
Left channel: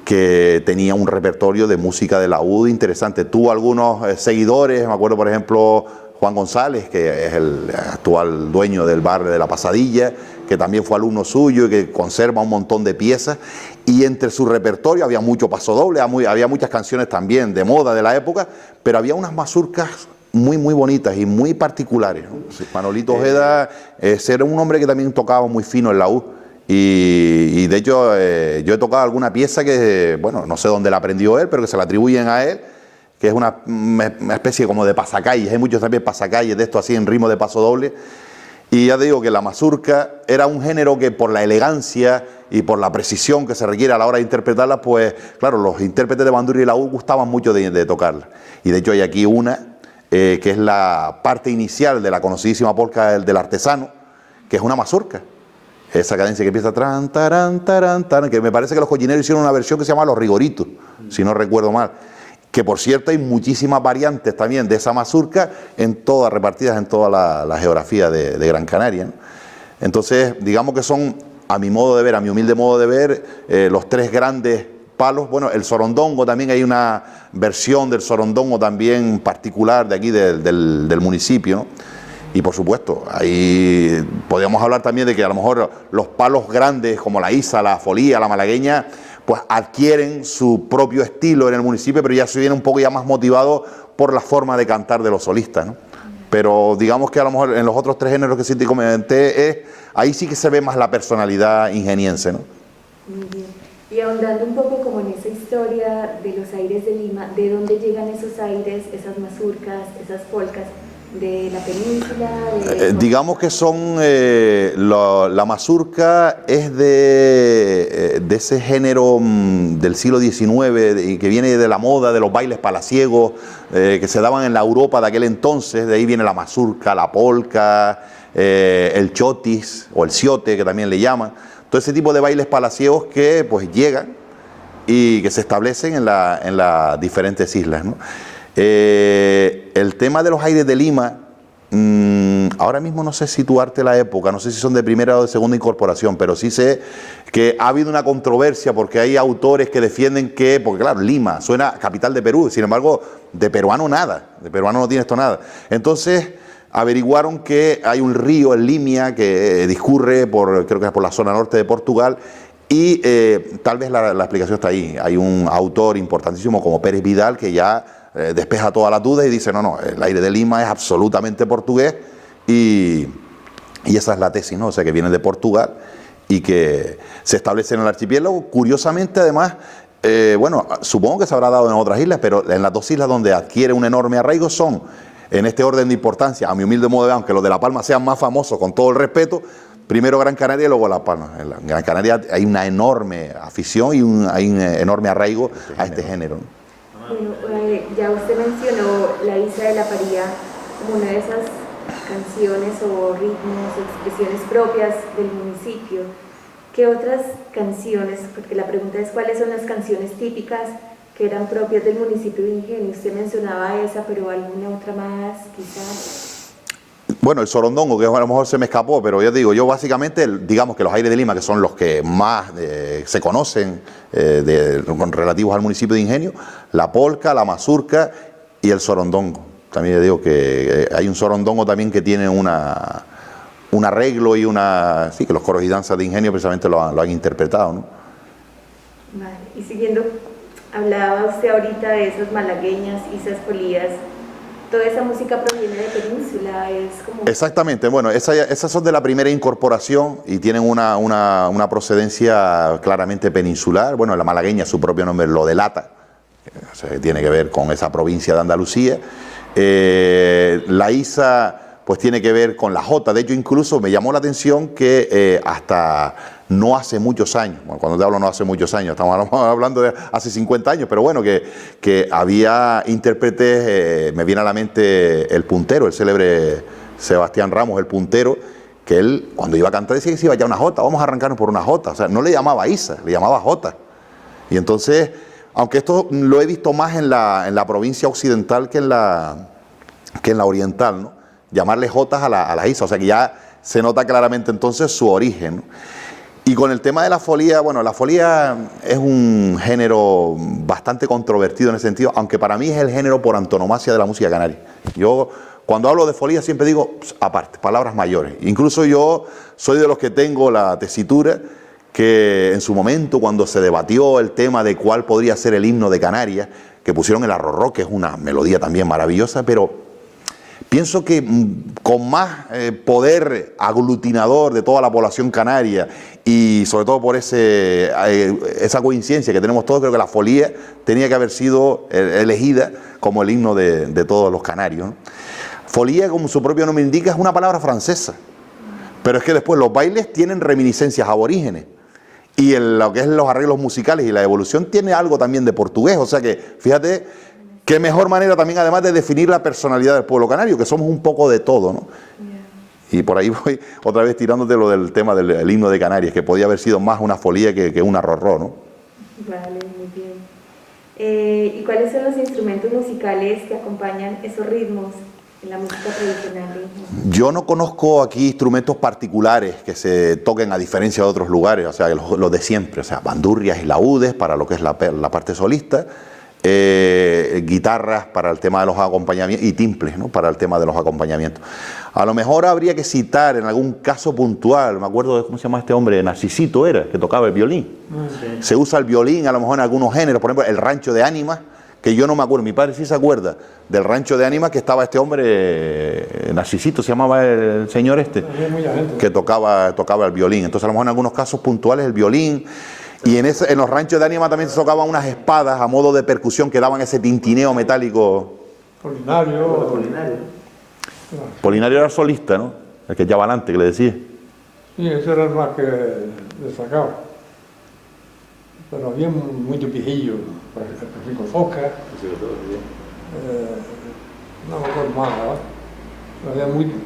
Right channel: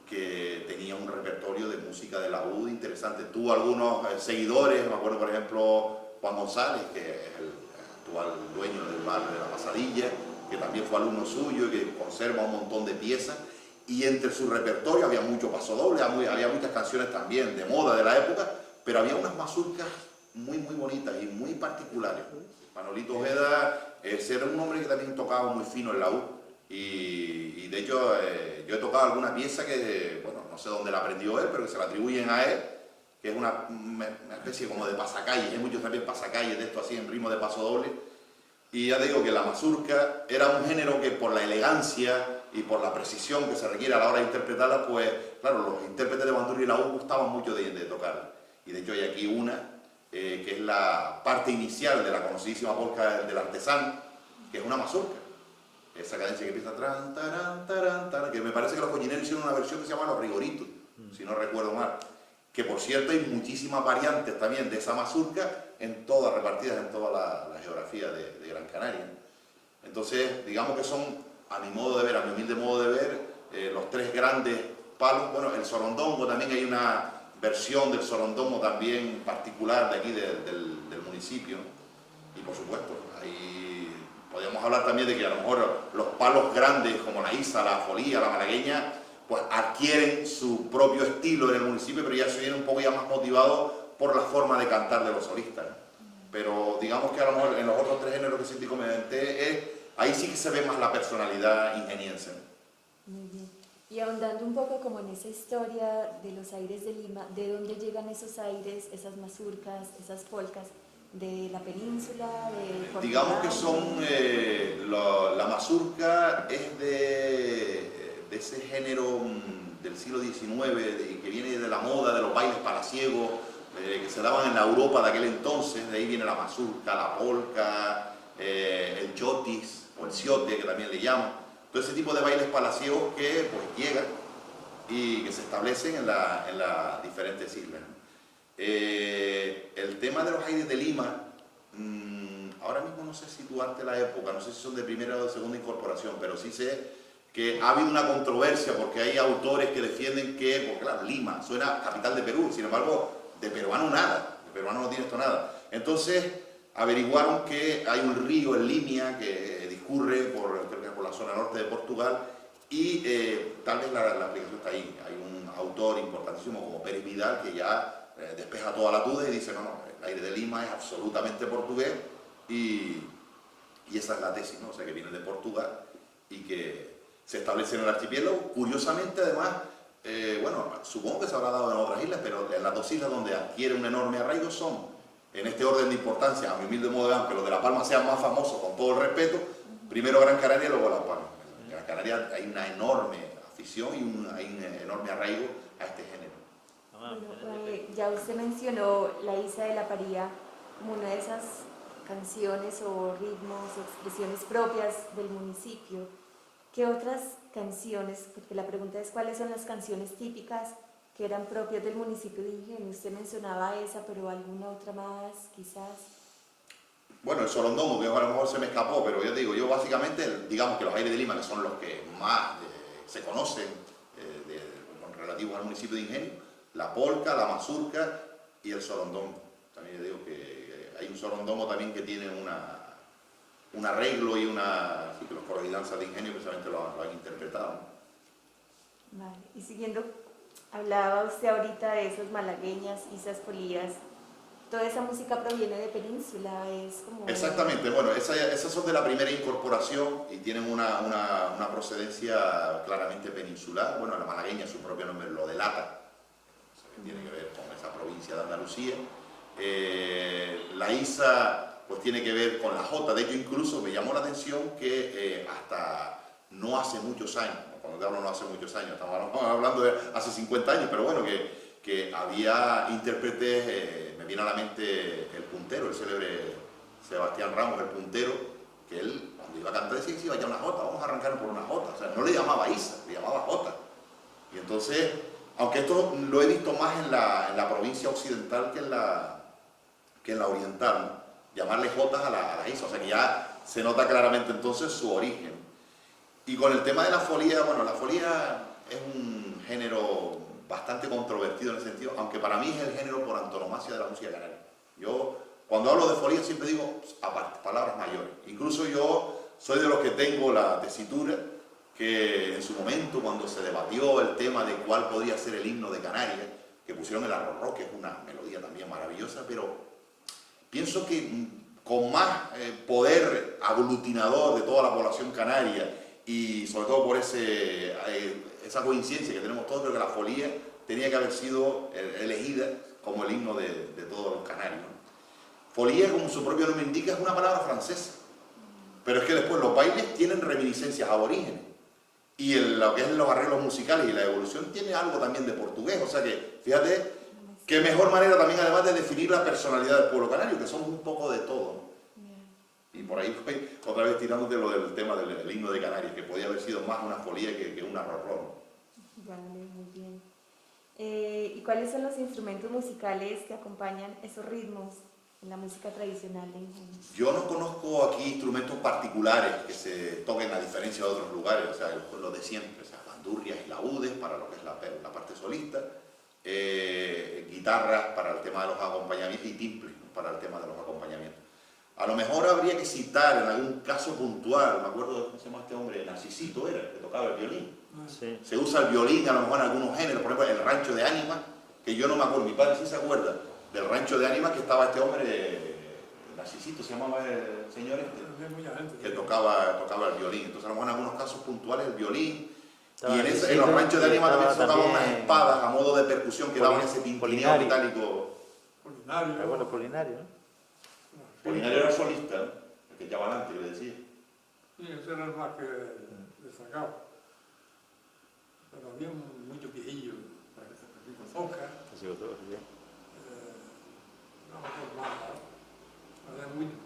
que tenía un repertorio de música de laúd interesante. Tuvo algunos seguidores, me acuerdo por ejemplo Juan González, que es el actual dueño del bar de La Pasadilla, que también fue alumno suyo y que conserva un montón de piezas. Y entre su repertorio había mucho pasodoble, había muchas canciones también de moda de la época, pero había unas mazurcas muy bonitas y muy particulares, ¿no? Sí, Manolito Ojeda era un hombre que también tocaba muy fino el laúd. Y de hecho yo he tocado alguna pieza que, bueno, no sé dónde la aprendió él, pero que se la atribuyen a él, que es una especie como de pasacalles. Hay muchos también pasacalles de esto así en ritmo de paso doble. Y ya te digo que la mazurca era un género que por la elegancia y por la precisión que se requiere a la hora de interpretarla, pues claro, los intérpretes de bandurria y laúd gustaban mucho de tocarla. Y de hecho hay aquí una que es la parte inicial de la conocidísima polca del artesano, que es una mazurca. Esa cadencia que empieza tran, taran, taran, taran, que me parece que los cochineros hicieron una versión que se llama Los Rigoritos, si no recuerdo mal. Que por cierto hay muchísimas variantes también de esa mazurca repartidas en toda la geografía de Gran Canaria, ¿no? Entonces, digamos que son, a mi modo de ver, a mi humilde modo de ver, los tres grandes palos. Bueno, el sorondongo también, hay una versión del sorondongo también particular de aquí del municipio, ¿no? Y por supuesto, ahí podríamos hablar también de que a lo mejor los palos grandes como la isa, la folía, la malagueña, pues adquieren su propio estilo en el municipio, pero ya se viene un poco ya más motivado por la forma de cantar de los solistas, ¿no? Pero digamos que a lo mejor en los otros tres géneros que sí te comenté, ahí sí que se ve más la personalidad ingeniense, ¿no? Muy bien. Y ahondando un poco como en esa historia de los aires de Lima, ¿de dónde llegan esos aires, esas mazurcas, esas polcas? ¿De la península? Digamos que son, la mazurca es de ese género del siglo XIX y que viene de la moda de los bailes palaciegos que se daban en la Europa de aquel entonces. De ahí viene la mazurca, la polca, el chotis o el ciote, que también le llaman. Todo ese tipo de bailes palaciegos que pues llegan y que se establecen en las diferentes islas, ¿no? El tema de los aires de Lima, ahora mismo no sé situarte la época, no sé si son de primera o de segunda incorporación, pero sí sé que ha habido una controversia porque hay autores que defienden que, porque claro, Lima suena capital de Perú, sin embargo, de peruano nada, de peruano no tiene esto nada. Entonces averiguaron que hay un río, el Limia, que discurre creo que es por la zona norte de Portugal. Y tal vez la explicación está ahí. Hay un autor importantísimo como Pérez Vidal que ya despeja todas las dudas y dice, no, el aire de Lima es absolutamente portugués y esa es la tesis, ¿no? O sea, que viene de Portugal y que se establece en el archipiélago. Curiosamente, además, bueno, supongo que se habrá dado en otras islas, pero en las dos islas donde adquiere un enorme arraigo son, en este orden de importancia, a mi humilde modo de ver, aunque los de La Palma sean más famosos, con todo el respeto, primero Gran Canaria y luego La Palma. En Gran Canaria hay una enorme afición y hay un enorme arraigo a este género, ¿no? Bueno, ya usted mencionó la Isa de la Paría como una de esas canciones o ritmos, expresiones propias del municipio. ¿Qué otras canciones? Porque la pregunta es ¿cuáles son las canciones típicas que eran propias del municipio de Ingenio? Usted mencionaba esa, pero alguna otra más, quizás. Bueno, el sorondongo, que a lo mejor se me escapó, pero ya digo, yo básicamente, digamos que los aires de Lima, que son los que más se conocen relativos al municipio de Ingenio, la polca, la mazurca y el sorondongo. También digo que hay un sorondongo también que tiene un arreglo y sí, que los coros y danzas de Ingenio precisamente lo han interpretado, ¿no? Vale, y siguiendo, hablaba usted ahorita de esas malagueñas, isas polías. Toda esa música proviene de Península, es como... Exactamente, bueno, esas son de la primera incorporación y tienen una procedencia claramente peninsular. Bueno, la malagueña, su propio nombre lo delata, o sea, tiene que ver con esa provincia de Andalucía. La isa, pues tiene que ver con la jota. De hecho, incluso me llamó la atención que hasta no hace muchos años, bueno, cuando te hablo no hace muchos años, estamos hablando de hace 50 años, pero bueno, que había intérpretes, me viene a la mente el puntero, el célebre Sebastián Ramos, el puntero, que él cuando iba a cantar decía que se iba ya una jota, vamos a arrancarnos por una jota, o sea, no le llamaba Isa, le llamaba jota. Y entonces, aunque esto lo he visto más en la provincia occidental que en la oriental, ¿no? Llamarle jotas a la Isa, o sea que ya se nota claramente entonces su origen, ¿no? Y con el tema de la folía, bueno, la folía es un género bastante controvertido en ese sentido, aunque para mí es el género por antonomasia de la música canaria. Yo, cuando hablo de folía, siempre digo, aparte, palabras mayores. Incluso yo soy de los que tengo la tesitura que en su momento, cuando se debatió el tema de cuál podría ser el himno de Canarias, que pusieron el arrorró, que es una melodía también maravillosa, pero pienso que con más poder aglutinador de toda la población canaria y sobre todo por esa coincidencia que tenemos todos, creo que la folía tenía que haber sido elegida como el himno de todos los canarios, ¿no? Folía, como su propio nombre indica, es una palabra francesa, pero es que después los bailes tienen reminiscencias aborígenes y lo que es los arreglos musicales y la evolución tiene algo también de portugués, o sea que fíjate qué mejor manera también además de definir la personalidad del pueblo canario, que somos un poco de todo, ¿no? Y por ahí voy otra vez tirándote lo del tema del himno de Canarias, que podía haber sido más una folía que un arrorró, ¿no? Vale, muy bien. ¿Y cuáles son los instrumentos musicales que acompañan esos ritmos en la música tradicional de Ingenio? Yo no conozco aquí instrumentos particulares que se toquen a diferencia de otros lugares, o sea, los de siempre, o sea, bandurrias y laúdes para lo que es la parte solista, guitarras para el tema de los acompañamientos y timples, ¿no? Para el tema de los acompañamientos. A lo mejor habría que citar en algún caso puntual, me acuerdo de cómo se llama este hombre, Narcisito era, que tocaba el violín. Sí. Se usa el violín a lo mejor en algunos géneros, por ejemplo el Rancho de Ánimas, que yo no me acuerdo, mi padre sí se acuerda del Rancho de Ánimas, que estaba este hombre, Narcisito se llamaba el señor este, que tocaba el violín. Entonces a lo mejor en algunos casos puntuales el violín. Y en los ranchos de Ánimas también se tocaban unas espadas a modo de percusión que daban ese tintineo metálico. Polinario. Polinario era solista, ¿no? El que echaba adelante, que le decía. Sí, ese era el más que destacaba. Pero había muchos viejillos, por ejemplo, Rico Fosca, no me acuerdo más, ¿verdad? Pero había muchos.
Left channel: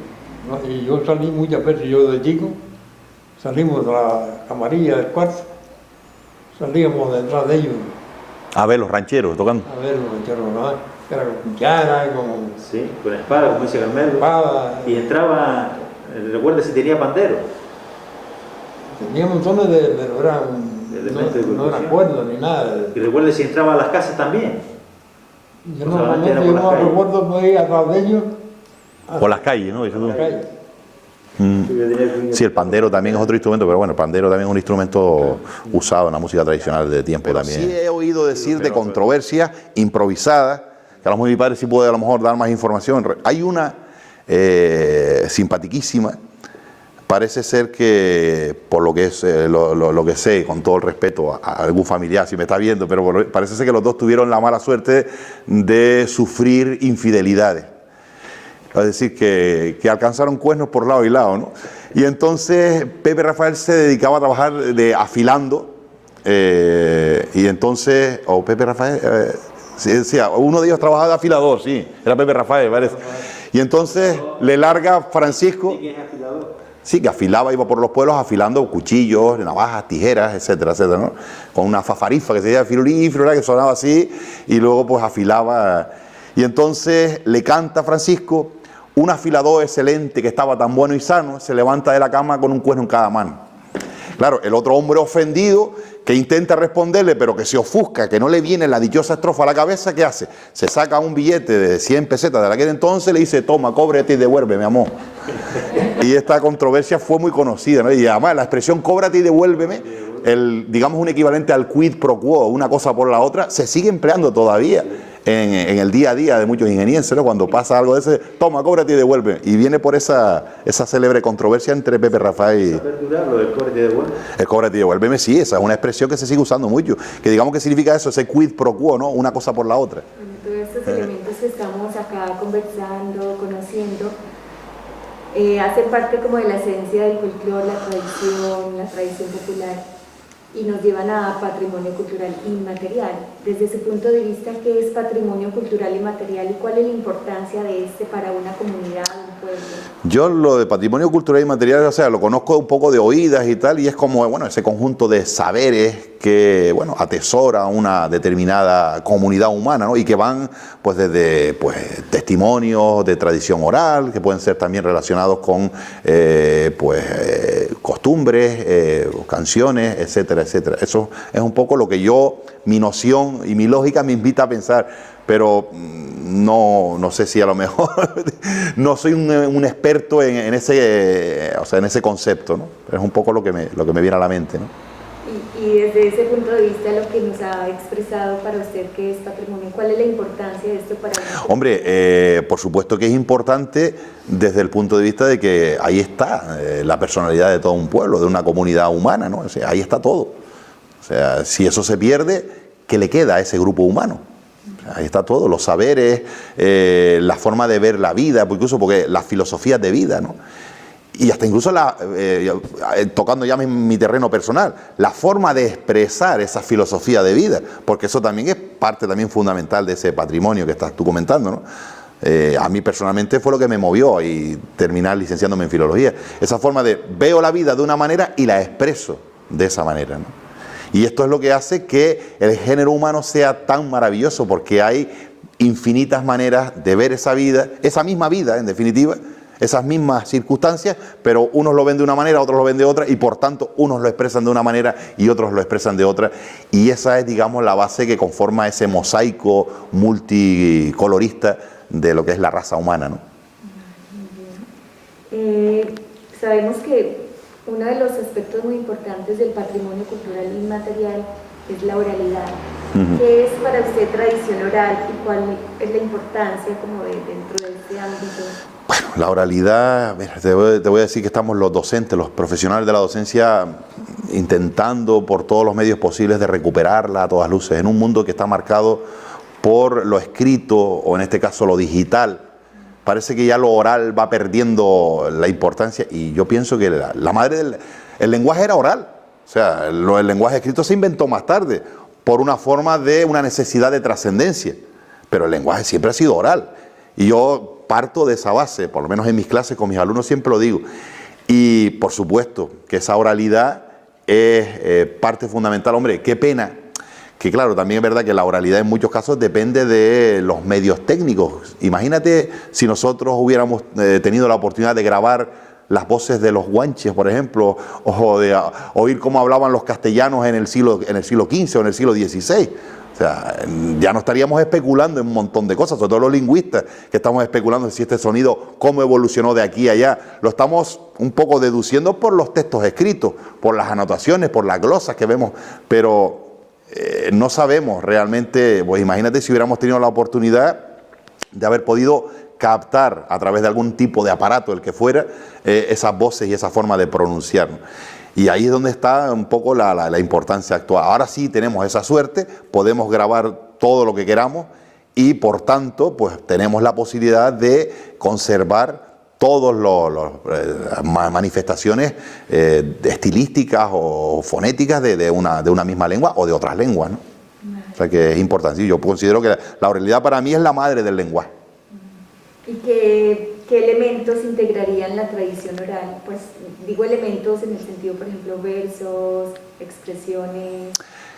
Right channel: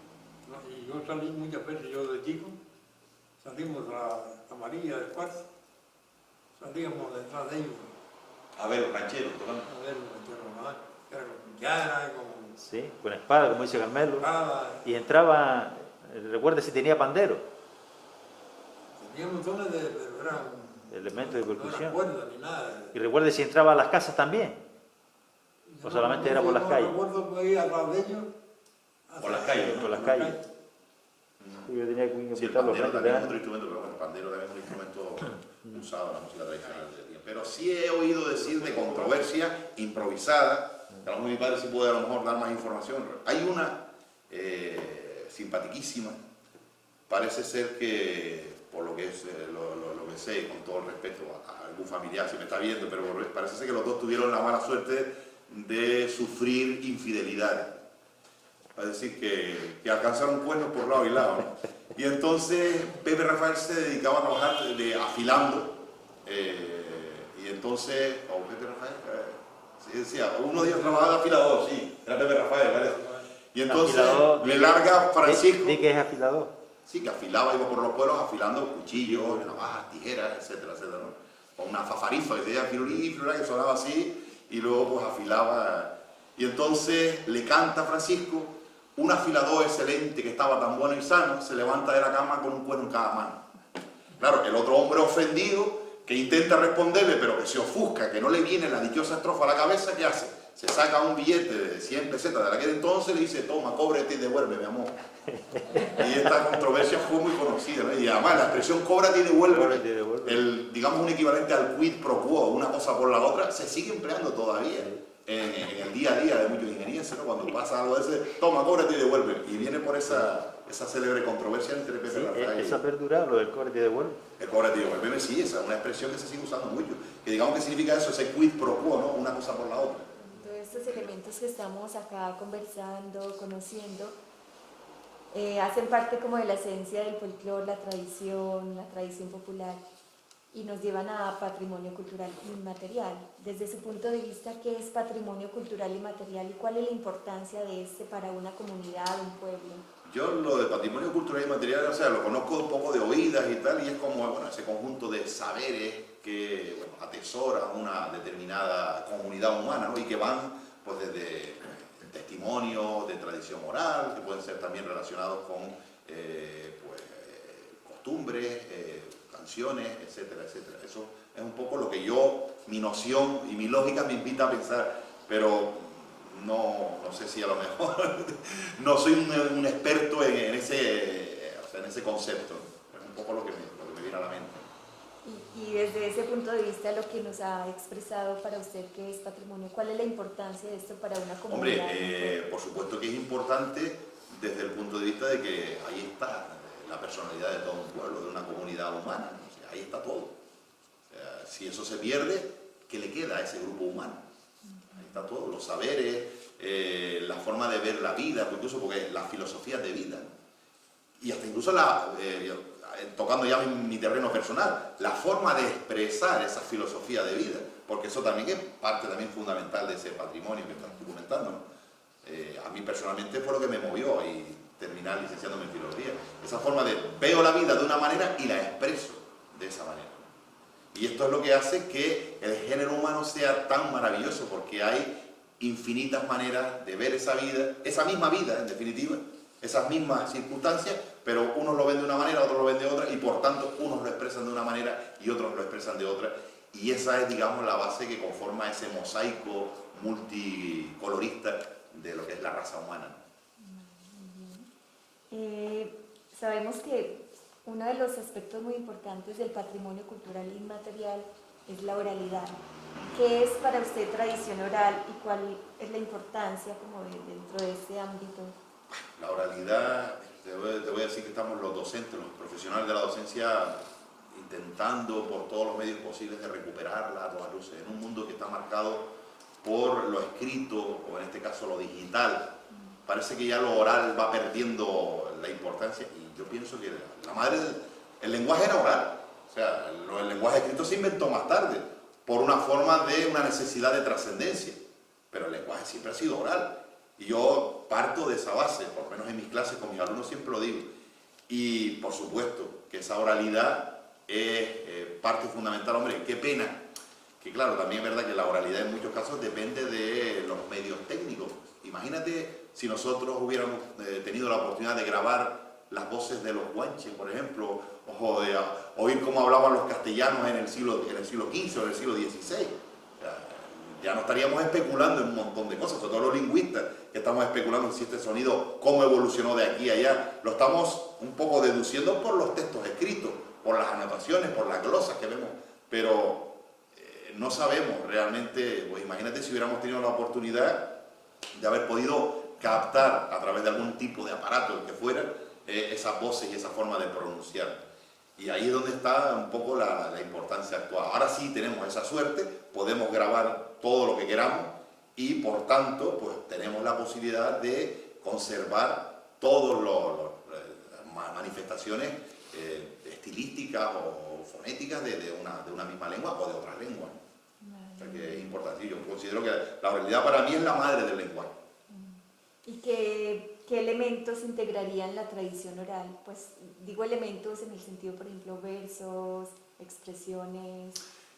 ¿No? Y yo salí muchas veces, yo de chico, salimos de la camarilla del cuarto, salíamos detrás de ellos. A ver, los rancheros tocando. A ver, los rancheros, ¿no? Era con cuchara, con Sí, con espada, como dice Carmelo. espada. Y entraba, recuerda si tenía pandero. Tenía montones pero eran, Elementos de no eran percusión. cuerdas ni nada. Y recuerda si entraba a las casas también. Yo No solamente era normalmente por yo las no calles. recuerdo por ir atrás de ellos. Por las calles, ¿no? Por la calle. Sí, el pandero también es otro instrumento, pero bueno, el pandero también es un instrumento usado en la música tradicional de tiempo también. Sí he oído decir de controversia improvisada, que a lo mejor mi padre sí puede a lo mejor dar más información. Hay una simpatiquísima, parece ser que, por lo que es lo que sé, con todo el respeto a algún familiar, si me está viendo, pero parece ser que los dos tuvieron la mala suerte de sufrir infidelidades. Es decir, que alcanzaron cuernos por lado y lado, ¿no? Y entonces Pepe Rafael se dedicaba a trabajar afilando, y entonces, o Pepe Rafael, sí, uno de ellos trabajaba de afilador, sí, era Pepe Rafael, ¿vale? Y entonces le larga Francisco, ¿Sí que es afilador? sí, que afilaba, iba por los pueblos afilando cuchillos, navajas, tijeras, etcétera, etcétera, ¿no? Con una fafarifa que se decía firulí, firulá, que sonaba así, y luego pues afilaba. Y entonces le canta a Francisco. Un afilador excelente que estaba tan bueno y sano se levanta de la cama con un cuerno en cada mano. Claro, el otro hombre ofendido que intenta responderle pero que se ofusca, que no le viene la dichosa estrofa a la cabeza, ¿qué hace? Se saca un billete de 100 pesetas de aquel entonces y le dice, toma, cóbrate y devuélveme, amor. Y esta controversia fue muy conocida, ¿no? Y además la expresión cóbrate y devuélveme, digamos un equivalente al quid pro quo, una cosa por la otra, se sigue empleando todavía en el día a día de muchos ingenienses, ¿no? Cuando pasa algo de ese, toma, cóbrate y devuelve. Y viene por esa célebre controversia entre Pepe Rafael y... ¿Eso perdurar lo del cóbrate y devuelve? El cóbrate y devuélveme, sí, esa es una expresión que se sigue usando mucho. Que digamos que significa eso, ese quid pro quo, ¿no? Una cosa por la otra. Bueno, todos estos elementos que estamos acá conversando, conociendo, hacen parte como de la esencia del folclore, la tradición popular, y nos llevan a patrimonio cultural inmaterial. Desde su punto de vista, ¿qué es patrimonio cultural inmaterial y cuál es la importancia de este para una comunidad, un pueblo? Yo lo de patrimonio cultural inmaterial, o sea, lo conozco un poco de oídas y tal, y es como, bueno, ese conjunto de saberes que, bueno, atesora una determinada comunidad humana, ¿no? Y que van, pues, desde, pues, testimonios de tradición oral, que pueden ser también relacionados con, costumbres, canciones, etcétera, etcétera. Eso es un poco lo que yo, mi noción y mi lógica me invita a pensar, pero no sé si a lo mejor no soy un experto en ese concepto, ¿no? Es un poco lo que me viene a la mente, ¿no? Y desde ese punto de vista, lo que nos ha expresado para usted que es patrimonio, ¿cuál es la importancia de esto para una comunidad? Hombre, por supuesto que es importante desde el punto de vista de que ahí está la personalidad de todo un pueblo, de una comunidad humana, ¿no? O sea, ahí está todo. O sea, si eso se pierde, ¿qué le queda a ese grupo humano? O sea, ahí está todo, los saberes, la forma de ver la vida, incluso porque las filosofías de vida, ¿no? Y hasta incluso, tocando ya mi terreno personal, la forma de expresar esa filosofía de vida, porque eso también es parte también fundamental de ese patrimonio que estás tú comentando, ¿no? A mí personalmente fue lo que me movió y terminar licenciándome en filología. Esa forma de veo la vida de una manera y la expreso de esa manera, ¿no? Y esto es lo que hace que el género humano sea tan maravilloso, porque hay infinitas maneras de ver esa vida, esa misma vida, en definitiva, esas mismas circunstancias, pero unos lo ven de una manera, otros lo ven de otra, y por tanto unos lo expresan de una manera y otros lo expresan de otra, y esa es, digamos, la base que conforma ese mosaico multicolorista de lo que es la raza humana, ¿no? Sabemos que uno de los aspectos muy importantes del patrimonio cultural inmaterial es la oralidad. ¿Qué es para usted tradición oral y cuál es la importancia como dentro de este ámbito? Bueno, la oralidad, mira, te voy a decir que estamos los docentes, los profesionales de la docencia, intentando por todos los medios posibles de recuperarla a todas luces, en un mundo que está marcado por lo escrito, o en este caso lo digital. Parece que ya lo oral va perdiendo la importancia, y yo pienso que la madre el lenguaje era oral. O sea, el lenguaje escrito se inventó más tarde, por una forma de una necesidad de trascendencia, pero el lenguaje siempre ha sido oral. Y yo parto de esa base, por lo menos en mis clases con mis alumnos siempre lo digo. Y por supuesto que esa oralidad es parte fundamental. Hombre, qué pena, que claro, también es verdad que la oralidad en muchos casos depende de los medios técnicos. Imagínate si nosotros hubiéramos tenido la oportunidad de grabar las voces de los guanches, por ejemplo, o de oír cómo hablaban los castellanos en el siglo XV o en el siglo XVI. O sea, ya no estaríamos especulando en un montón de cosas, sobre todo los lingüistas, que estamos especulando si este sonido, cómo evolucionó de aquí a allá. Lo estamos un poco deduciendo por los textos escritos, por las anotaciones, por las glosas que vemos, pero no sabemos realmente. Pues imagínate si hubiéramos tenido la oportunidad de haber podido captar a través de algún tipo de aparato, el que fuera, esas voces y esa forma de pronunciar. Y ahí es donde está un poco la importancia actual. Ahora sí tenemos esa suerte, podemos grabar todo lo que queramos y por tanto pues tenemos la posibilidad de conservar todas las manifestaciones estilísticas o fonéticas de una misma lengua o de otras lenguas, ¿no? O sea que es importante. Yo considero que la oralidad para mí es la madre del lenguaje. ¿Y qué elementos integrarían la tradición oral? Pues digo elementos en el sentido, por ejemplo, versos, expresiones.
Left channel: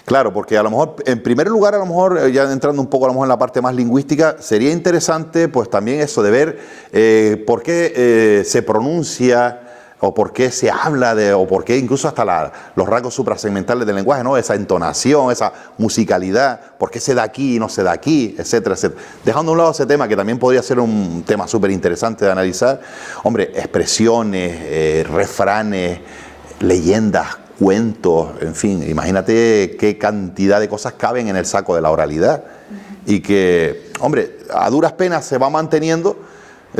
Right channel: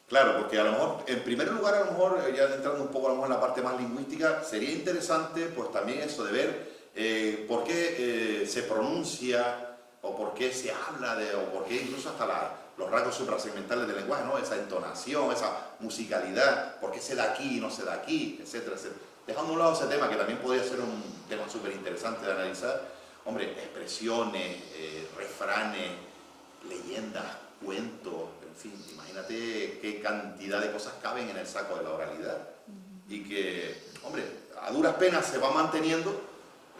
Claro, porque a lo mejor, en primer lugar, a lo mejor, ya entrando un poco a lo mejor en la parte más lingüística, sería interesante pues también eso de ver por qué se pronuncia, o por qué se habla o por qué incluso hasta los rasgos suprasegmentales del lenguaje, ¿no? Esa entonación, esa musicalidad, por qué se da aquí y no se da aquí, etcétera, etcétera. Dejando a un lado ese tema, que también podría ser un tema súper interesante de analizar, hombre, expresiones, refranes, leyendas, cuentos, en fin, imagínate qué cantidad de cosas caben en el saco de la oralidad y que, hombre, a duras penas se va manteniendo.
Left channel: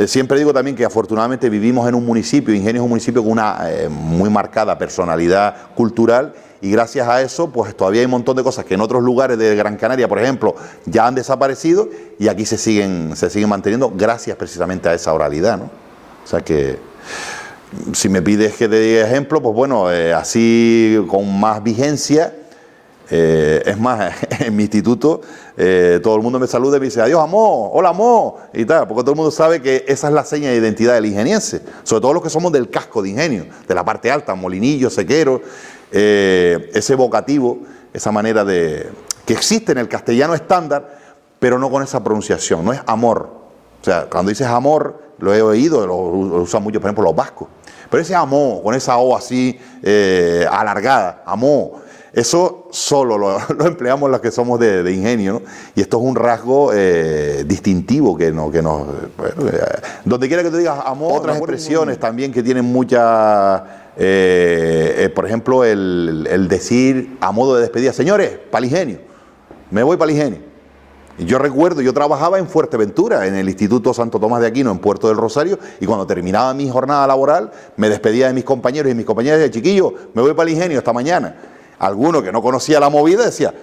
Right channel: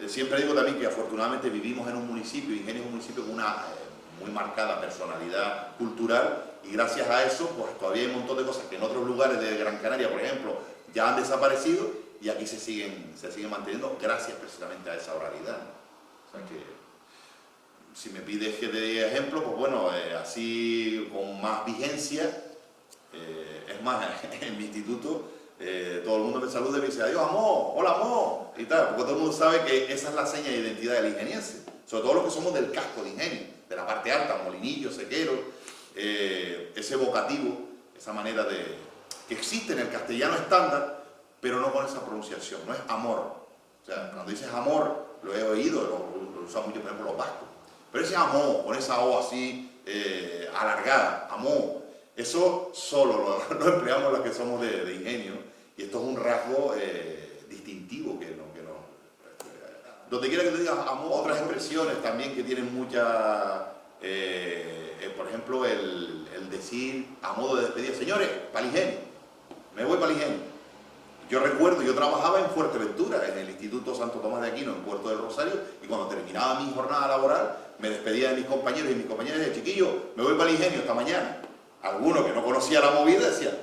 Siempre digo también que afortunadamente vivimos en un municipio, Ingenio es un municipio con una muy marcada personalidad cultural y gracias a eso pues todavía hay un montón de cosas que en otros lugares de Gran Canaria, por ejemplo, ya han desaparecido y aquí se siguen manteniendo gracias precisamente a esa oralidad, ¿no? O sea que Si me pides que te diga ejemplo, pues bueno, así con más vigencia, es más, en mi instituto todo el mundo me saluda y me dice, adiós, amor, hola, amor, y tal, porque todo el mundo sabe que esa es la seña de identidad del ingeniense, sobre todo los que somos del casco de Ingenio, de la parte alta, Molinillo, Sequero, ese vocativo, esa manera de que existe en el castellano estándar, pero no con esa pronunciación, no es amor. O sea, cuando dices amor, lo he oído, lo usan mucho, por ejemplo, los vascos, pero ese amor, con esa O así alargada, amor, eso solo lo empleamos los que somos de Ingenio, ¿no? Y esto es un rasgo distintivo que nos donde quiera que tú digas amor, otras expresiones también que tienen mucha, por ejemplo, el decir a modo de despedida, señores, para el Ingenio, me voy para el Ingenio. Y yo recuerdo, yo trabajaba en Fuerteventura, en el Instituto Santo Tomás de Aquino, en Puerto del Rosario, y cuando terminaba mi jornada laboral, me despedía de mis compañeros y mis compañeras de chiquillo, me voy para el Ingenio esta mañana. Alguno que no conocía la movida decía,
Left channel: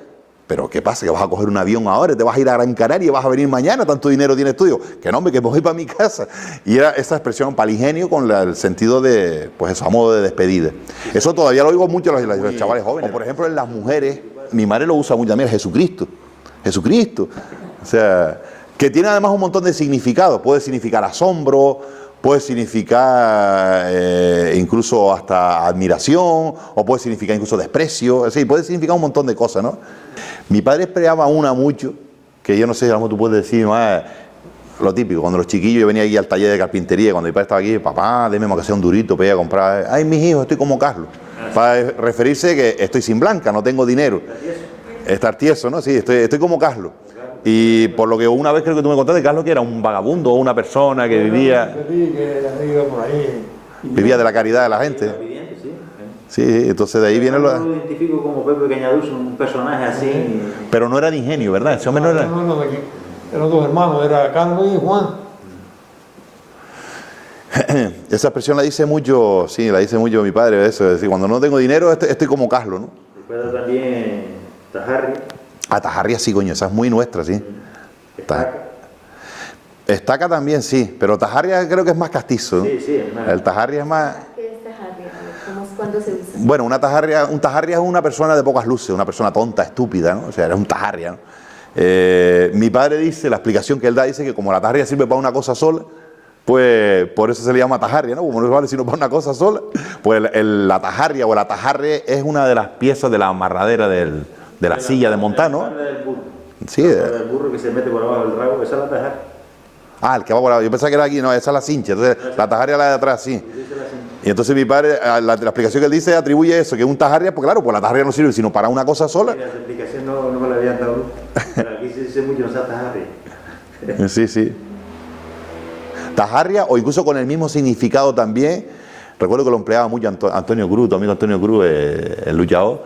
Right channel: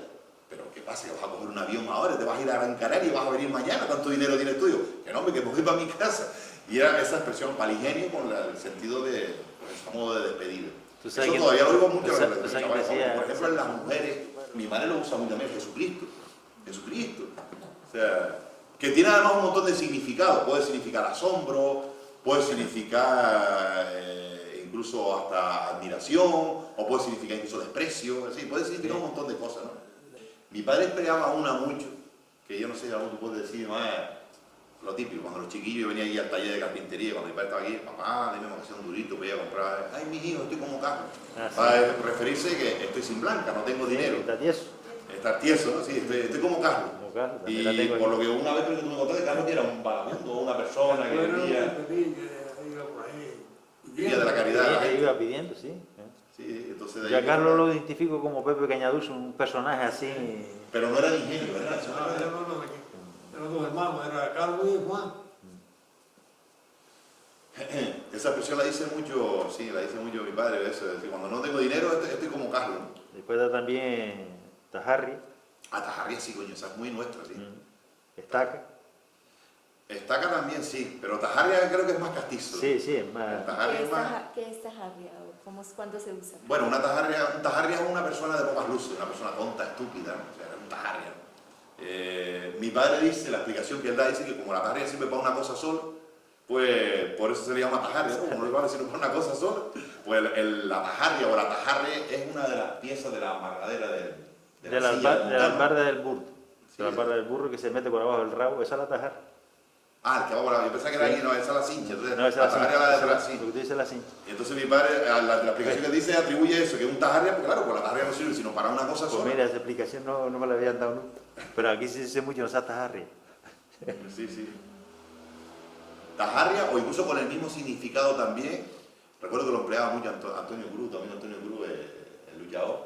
pero ¿qué pasa? ¿Que vas a coger un avión ahora? ¿Te vas a ir a Gran Canaria y vas a venir mañana? ¿Tanto dinero tienes tuyo? Que no, hombre, que me voy para mi casa. Y era esa expresión palingenio con el sentido de, pues eso, a modo de despedida. Eso todavía lo oigo mucho en los chavales jóvenes. O por ejemplo en las mujeres, mi madre lo usa mucho también, Jesucristo. Jesucristo. O sea, que tiene además un montón de significados. Puede significar asombro, puede significar incluso hasta admiración, o puede significar incluso desprecio, es decir, puede significar un montón de cosas, ¿no? Mi padre empleaba una mucho, que yo no sé cómo tú puedes decir, lo típico, cuando los chiquillos, yo venía aquí al taller de carpintería, cuando mi padre estaba aquí, papá, deme que sea un durito para ir a comprar, ay, mis hijos, estoy como Carlos, para referirse que estoy sin blanca, no tengo dinero. Estar tieso, ¿no? Sí, estoy como Carlos. Y por lo que una vez creo que tú me contaste, Carlos, que era un vagabundo o una persona que vivía de la caridad de la gente. Sí, entonces de ahí viene lo identifico como Pepe Cañaduz, un personaje así. Pero no era de Ingenio, ¿verdad? Ese hombre no era. No, eran dos hermanos, era Carlos y Juan. Esa expresión la dice mucho, sí, la dice mucho mi padre, eso, es decir, cuando no tengo dinero estoy como Carlos, ¿no? Después también Tajarria. Tajarria sí, coño, esa es muy nuestra, sí. Estaca también sí, pero Tajarria creo que es más castizo, ¿no? Sí, es más. El Tajarria es más. ¿Qué es tajarria? ¿Cuándo se usa? Bueno, un tajarria es una persona de pocas luces, una persona tonta, estúpida, ¿no? O sea, era un tajarria, ¿no? Mi padre dice, la explicación que él da, dice que como la tajarria sirve para una cosa sola, pues por eso se le llama tajarria, ¿no? Como no vale sino para una cosa sola, pues la tajarria o el atajarre es una de las piezas de la amarradera de la silla de montar, ¿no? Del burro. Sí. El burro que se mete por abajo del rabo, esa es la tajarria. El que va por abajo. Yo pensaba que era aquí, no, esa es la cincha. Entonces, no, la tajarria es la de atrás, sí. Y entonces mi padre, la explicación que él dice atribuye eso, que es un tajarria, pues claro, pues la tajarria no sirve sino para una cosa sola. Mira, esa explicación no me la habían dado, pero aquí se dice mucho esa tajarria. Sí. Tajarria, o incluso con el mismo significado también, recuerdo que lo empleaba mucho Antonio Cruz, tu amigo Antonio Cruz, el luchador,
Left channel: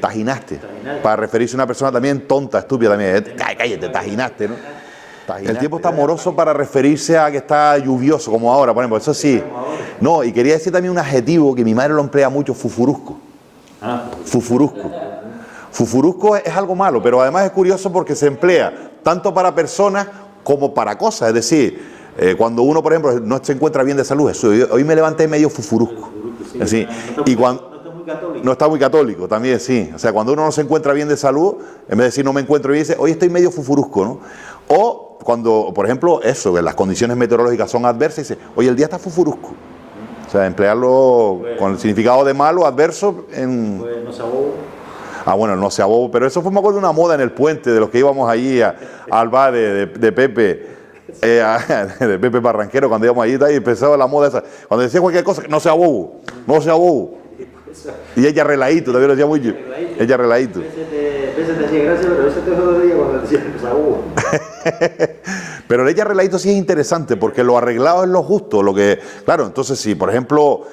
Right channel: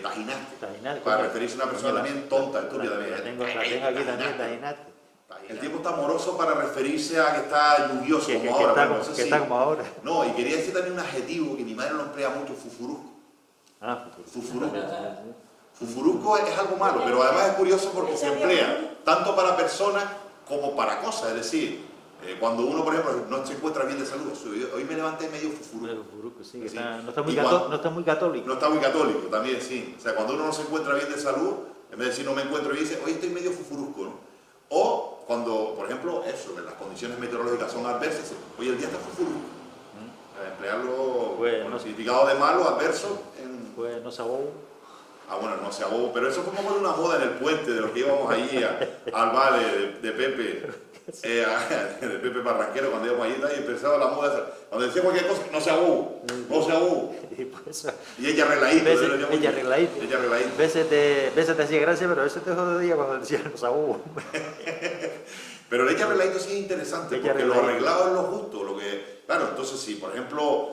tajinaste, para referirse a una persona también tonta, estúpida también, cállate, tajinaste, ¿no? El tiempo está amoroso para referirse a que está lluvioso, como ahora, por ejemplo, eso sí. No, y quería decir también un adjetivo que mi madre lo emplea mucho, fufurusco. Fufurusco. Fufurusco es algo malo, pero además es curioso porque se emplea tanto para personas como para cosas, es decir, cuando uno, por ejemplo, no se encuentra bien de salud, hoy me levanté medio fufurusco. Sí. No está muy católico. No está muy católico, también sí. O sea, cuando uno no se encuentra bien de salud, en vez de decir no me encuentro bien, dice hoy estoy medio fufurusco, ¿no? O cuando, por ejemplo, eso, que las condiciones meteorológicas son adversas, dice hoy el día está fufurusco. O sea, emplearlo con el significado de malo, adverso, en... Pues no se abobo. Bueno, no se abobo, pero eso fue, me acuerdo, una moda en el puente, de los que íbamos allí al bar de Pepe. De Pepe Barranquero, cuando íbamos allí y empezaba la moda esa, cuando decía cualquier cosa, no se abobo. Y ella reladito, lo decía mucho. Ella reladito. A veces te hacía gracia, pero a veces te jodería cuando decía no se abobo. Pero ella reladito sí es interesante, porque lo arreglado es lo justo, lo que, claro, entonces si por ejemplo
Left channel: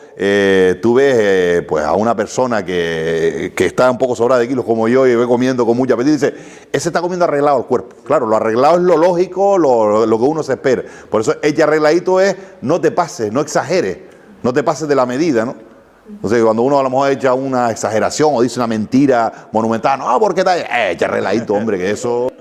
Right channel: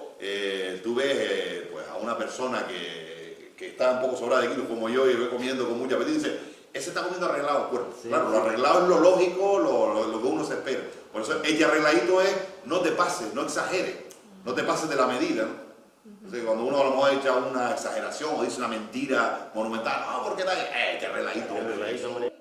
tú ves pues a una persona que está un poco sobrada de kilos como yo y ve comiendo con mucha apetito y dice, ese está comiendo arreglado el cuerpo. Claro, lo arreglado es lo lógico, lo que uno se espera. Por eso ella arregladito es no te pases, no exageres, no te pases de la medida, ¿no? Entonces, cuando uno a lo mejor echa una exageración o dice una mentira monumental, no, ¿por qué tal? Echa reladito, hombre, que eso...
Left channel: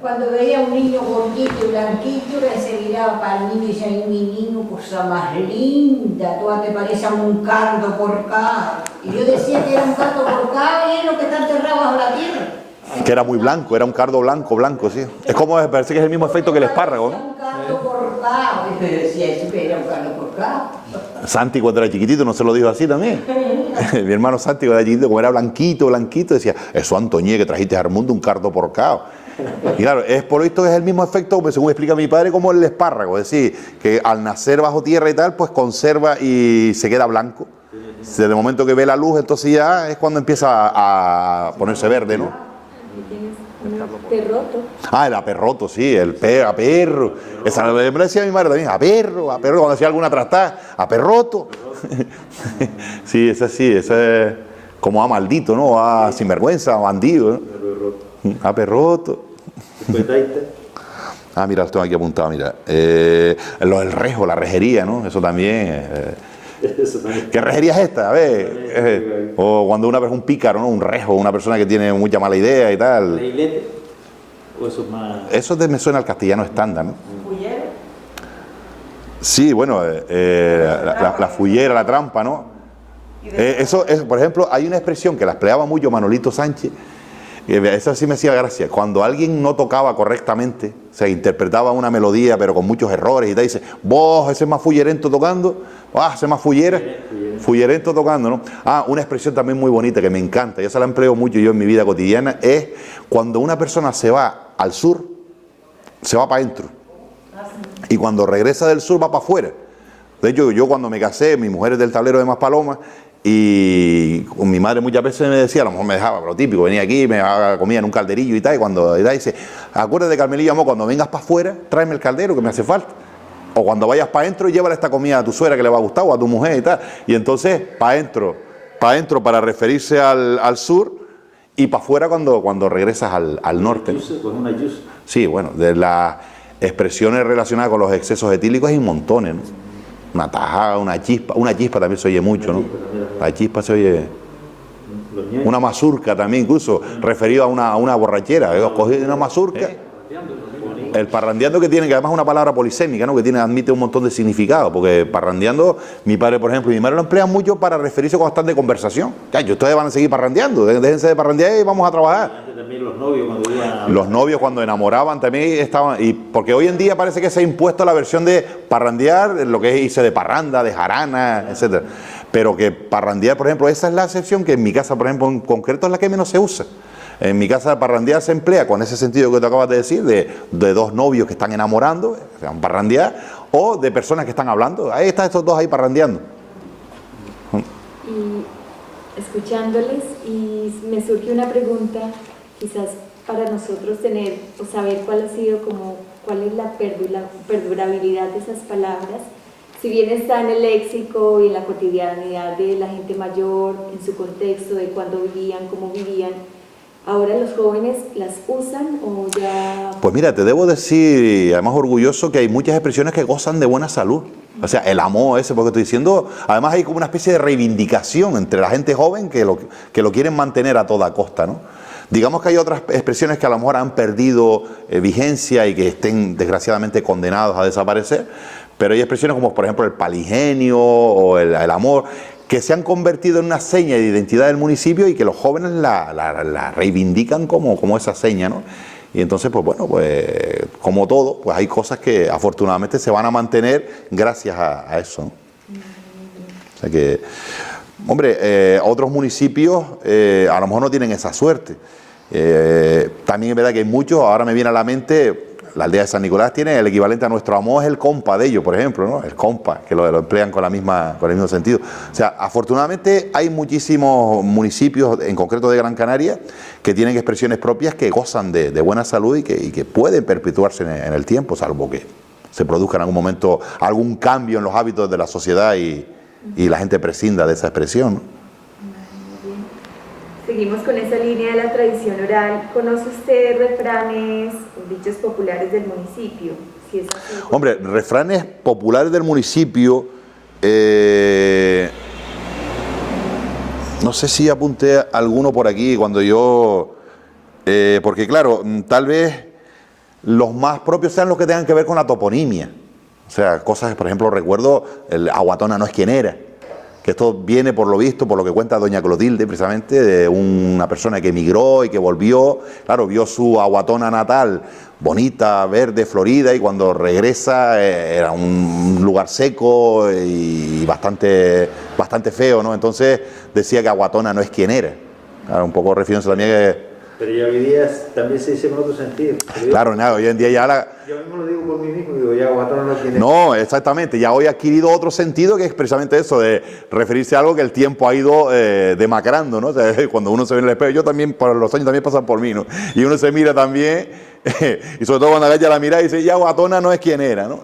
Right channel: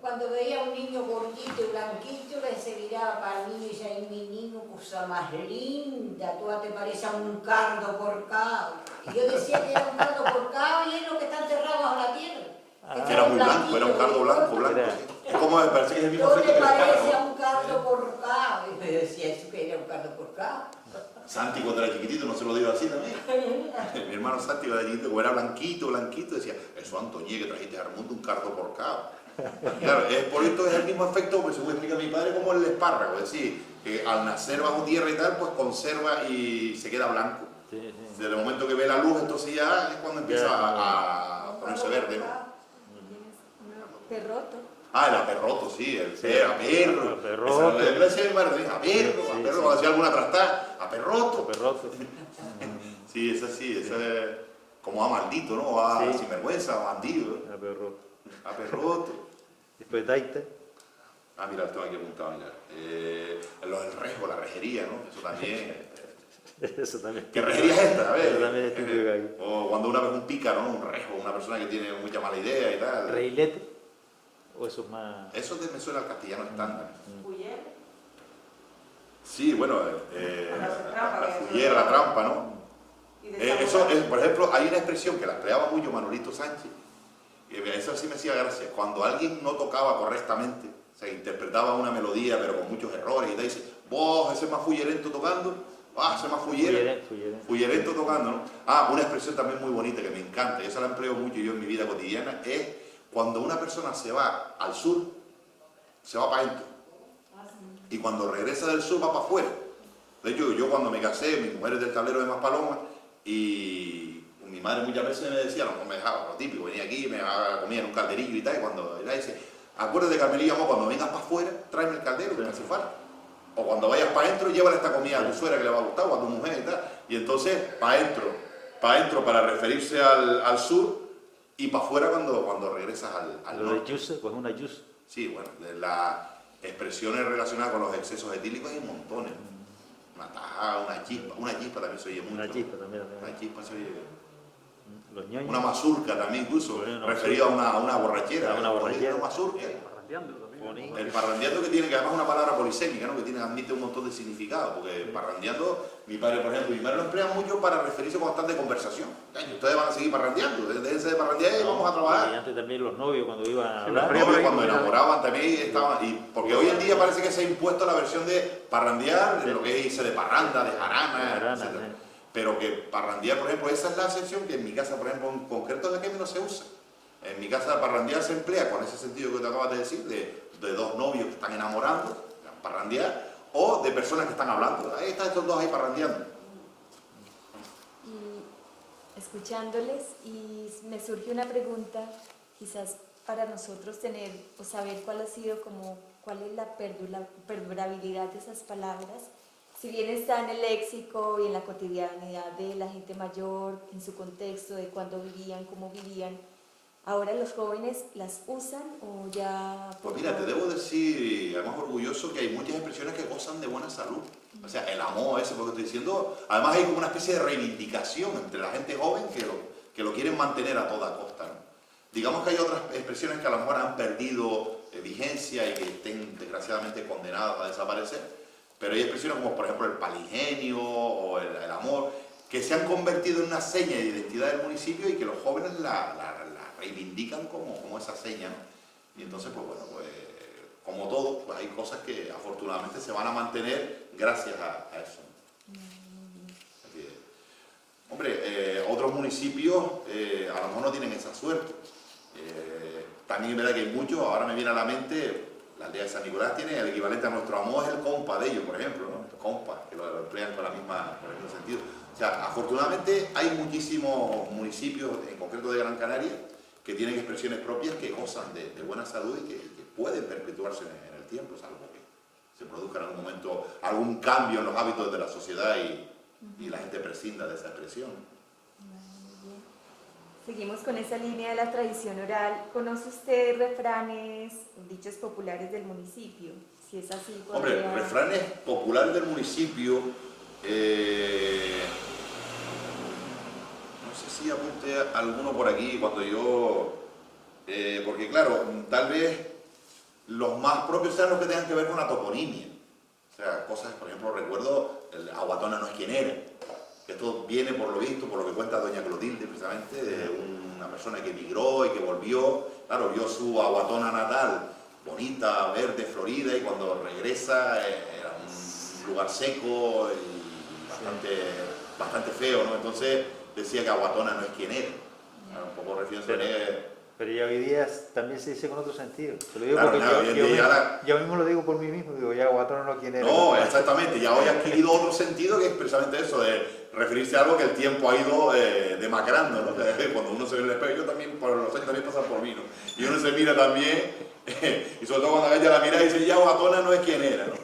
Cuando veía a un niño gordito y blanquito, le se miraba para el niño y decía, ay, mi niño, cosa más linda, tú te pareces a un cardo porcado. Y yo decía que era un cardo porcado y es lo que está enterrado bajo la tierra. Que era muy blanco, era un cardo blanco, sí. Es como, parece que es el mismo efecto que el espárrago, Parece ¿no? un cardo porcado. Y yo decía, eso que era un cardo porcado. Santi cuando era chiquitito no se lo dijo así también. Mi hermano Santi cuando era chiquitito, como era blanquito, decía, eso Antoñé que trajiste al mundo un cardo porcado. Y claro, es por esto es el mismo efecto, pues, según explica mi padre, como el espárrago, es decir, que al nacer bajo tierra y tal, pues conserva y se queda blanco. Desde el momento que ve la luz, entonces ya es cuando empieza a ponerse verde, ¿no? Ahí tienes un perroto. Ah, el aperroto, sí, a perro. Esa me decía mi madre también, a perro, cuando hacía alguna trastada, a perroto. Sí, esa es como a maldito, ¿no? A sinvergüenza, a bandido, ¿no? A perroto. Ah, mira, esto aquí apuntado, mira. Lo del rejo, la rejería, ¿no? Eso también. ¿Qué rejería es esta? A ver. O cuando una vez un pícaro, ¿no? Un rejo, una persona que tiene mucha mala idea y tal. ¿Reilete? ¿O eso es más...? Eso me suena al castellano estándar, ¿no? ¿Fullero? Sí, bueno, la fullera, la trampa, ¿no? Eso es, por ejemplo, hay una expresión que la empleaba mucho Manolito Sánchez. Eso sí me hacía gracia. Cuando alguien no tocaba correctamente, o sea, interpretaba una melodía pero con muchos errores y te dice, vos, ese es más fullerento tocando, ese es más fullerento tocando, ¿no? Ah, una expresión también muy bonita que me encanta, yo se la empleo mucho yo en mi vida cotidiana, es cuando una persona se va al sur, se va para adentro. Y cuando regresa del sur va para afuera. De hecho, yo cuando me casé, mi mujer es del Tablero de Maspalomas, y con mi madre muchas veces me decía, a lo mejor me dejaba, lo típico, venía aquí, me daba comida en un calderillo y tal, y cuando dice, acuérdate Carmelillo, amor, cuando vengas para afuera, tráeme el caldero que me hace falta. O cuando vayas para adentro, llévale esta comida a tu suegra que le va a gustar, o a tu mujer y tal. Y entonces, para adentro para referirse al sur, y para afuera cuando regresas al norte. Con una yusa. Sí, bueno, de las expresiones relacionadas con los excesos etílicos hay montones, ¿no? Una tajada, una chispa también se oye mucho, ¿no? La chispa se oye. Una mazurca también, incluso, referido a una borrachera. Cogí una mazurca. El parrandeando que tiene, que además es una palabra polisémica, ¿no? Que admite un montón de significado, porque parrandeando, mi padre, por ejemplo, y mi madre lo emplean mucho para referirse cuando están de conversación. Ya, ustedes van a seguir parrandeando, déjense de parrandear y vamos a trabajar. Y antes también los novios cuando iban a hablar. Los novios cuando enamoraban también estaban, y porque hoy en día parece que se ha impuesto la versión de parrandear, lo que es irse de parranda, de jarana, etcétera. Pero que parrandear, por ejemplo, esa es la excepción que en mi casa, por ejemplo, en concreto es la que menos se usa. En mi casa parrandear se emplea con ese sentido que te acabas de decir, de dos novios que están enamorando, se llaman parrandear, o de personas que están hablando. Ahí están estos dos ahí parrandeando. Y escuchándoles, y me surge una pregunta, quizás para nosotros tener o saber cuál es la perdurabilidad de esas palabras, si bien está en el léxico y en la cotidianidad de la gente mayor, en su contexto de cuándo vivían, cómo vivían. ¿Ahora los jóvenes las usan o ya...? Pues mira, te debo decir, además orgulloso, que hay muchas expresiones que gozan de buena salud. O sea, el amor ese, porque estoy diciendo, además hay como una especie de reivindicación entre la gente joven que lo quieren mantener a toda costa, ¿no? Digamos que hay otras expresiones que a lo mejor han perdido vigencia y que estén desgraciadamente condenados a desaparecer, pero hay expresiones como por ejemplo el paligenio o el amor, que se han convertido en una seña de identidad del municipio y que los jóvenes la reivindican como esa seña, ¿no? Y entonces, pues bueno, pues como todo, pues hay cosas que afortunadamente se van a mantener gracias a eso, ¿no? O sea que, hombre, otros municipios a lo mejor no tienen esa suerte. También es verdad que hay muchos, ahora me viene a la mente, la aldea de San Nicolás tiene el equivalente a nuestro amor, es el compa de ellos, por ejemplo, ¿no? El compa, que lo emplean con el mismo sentido. O sea, afortunadamente hay muchísimos municipios, en concreto de Gran Canaria, que tienen expresiones propias que gozan de buena salud y que pueden perpetuarse en el tiempo, salvo que se produzca en algún momento algún cambio en los hábitos de la sociedad y la gente prescinda de esa expresión, ¿no? Seguimos con esa línea de la tradición oral. ¿Conoce usted refranes o dichos populares del municipio? Si es así, hombre, refranes populares del municipio, No sé si apunté alguno por aquí cuando yo... porque claro, tal vez los más propios sean los que tengan que ver con la toponimia. O sea, cosas, por ejemplo, recuerdo, el Aguatona no es quien era. Que esto viene, por lo visto, por lo que cuenta doña Clotilde, precisamente, de una persona que emigró y que volvió. Claro, vio su Aguatona natal, bonita, verde, florida, y cuando regresa era un lugar seco y bastante feo, ¿no? Entonces decía que Aguatona no es quien era. Claro, un poco refiriéndose también que... Pero ya hoy día también se dice en otro sentido. Claro, nada, hoy en día ya la... Yo mismo lo digo por mí mismo, digo, ya Aguatona no tiene... No, exactamente, ya hoy ha adquirido otro sentido que es precisamente eso, de referirse a algo que el tiempo ha ido demacrando, ¿no? O sea, cuando uno se ve en el espejo, yo también, por los años también pasan por mí, ¿no? Y uno se mira también, y sobre todo cuando agacha la mirada y dice, ya Aguatona no es quien era, ¿no?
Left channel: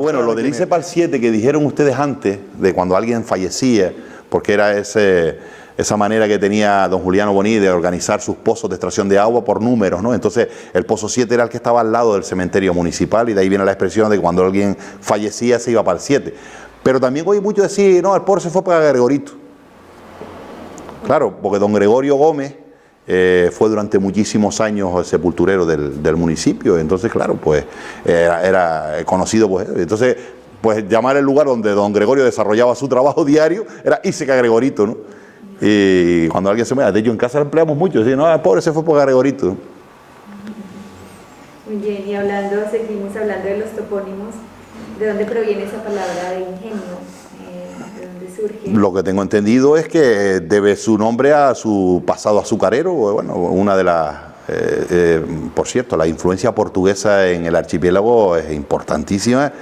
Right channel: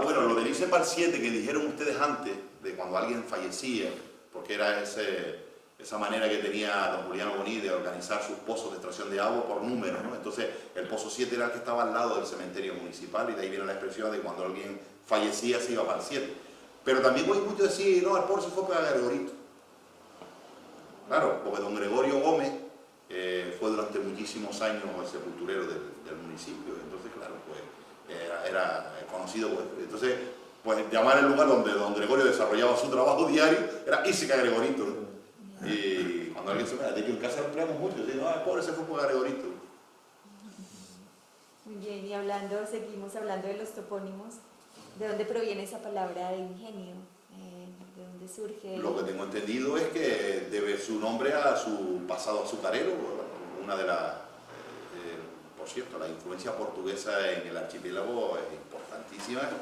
Bueno, lo del ICEPAL 7 que dijeron ustedes antes, de cuando alguien fallecía, porque era esa manera que tenía don Juliano Boní de organizar sus pozos de extracción de agua por números, ¿no? Entonces, el pozo 7 era el que estaba al lado del cementerio municipal y de ahí viene la expresión de que cuando alguien fallecía se iba para el 7. Pero también oí mucho decir, no, el pobre se fue para Gregorito. Claro, porque don Gregorio Gómez fue durante muchísimos años el sepulturero del municipio, entonces, claro, pues era conocido, pues, entonces, pues llamar el lugar donde don Gregorio desarrollaba su trabajo diario era Íseca Gregorito, ¿no? Y cuando alguien se muere, de hecho en casa lo empleamos mucho, decir, no, el pobre se fue por Gregorito. Muy bien, y seguimos hablando de los topónimos. ¿De dónde proviene esa palabra de ingenio? ¿De dónde surge? Lo que tengo entendido es que debe su nombre a su pasado azucarero, bueno, una de las... por cierto, la influencia portuguesa en el archipiélago es importantísima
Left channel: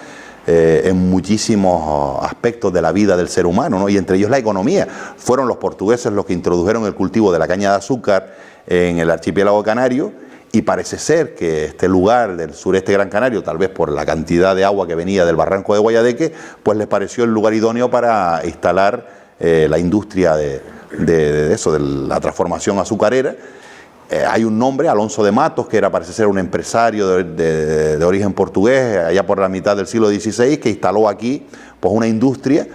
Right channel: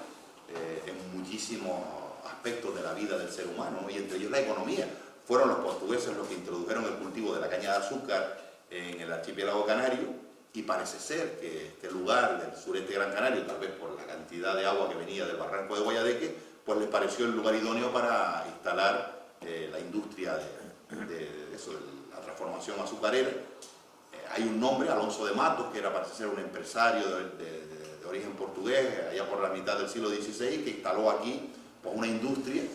en muchísimos aspectos de la vida del ser humano, ¿no? Y entre ellos la economía. Fueron los portugueses los que introdujeron el cultivo de la caña de azúcar en el archipiélago canario, y parece ser que este lugar del sureste Gran Canario, tal vez por la cantidad de agua que venía del barranco de Guayadeque, pues les pareció el lugar idóneo para instalar la industria de eso, de la transformación azucarera. Hay un nombre, Alonso de Matos, que parece ser un empresario de origen portugués, allá por la mitad del siglo XVI, que instaló aquí pues una industria,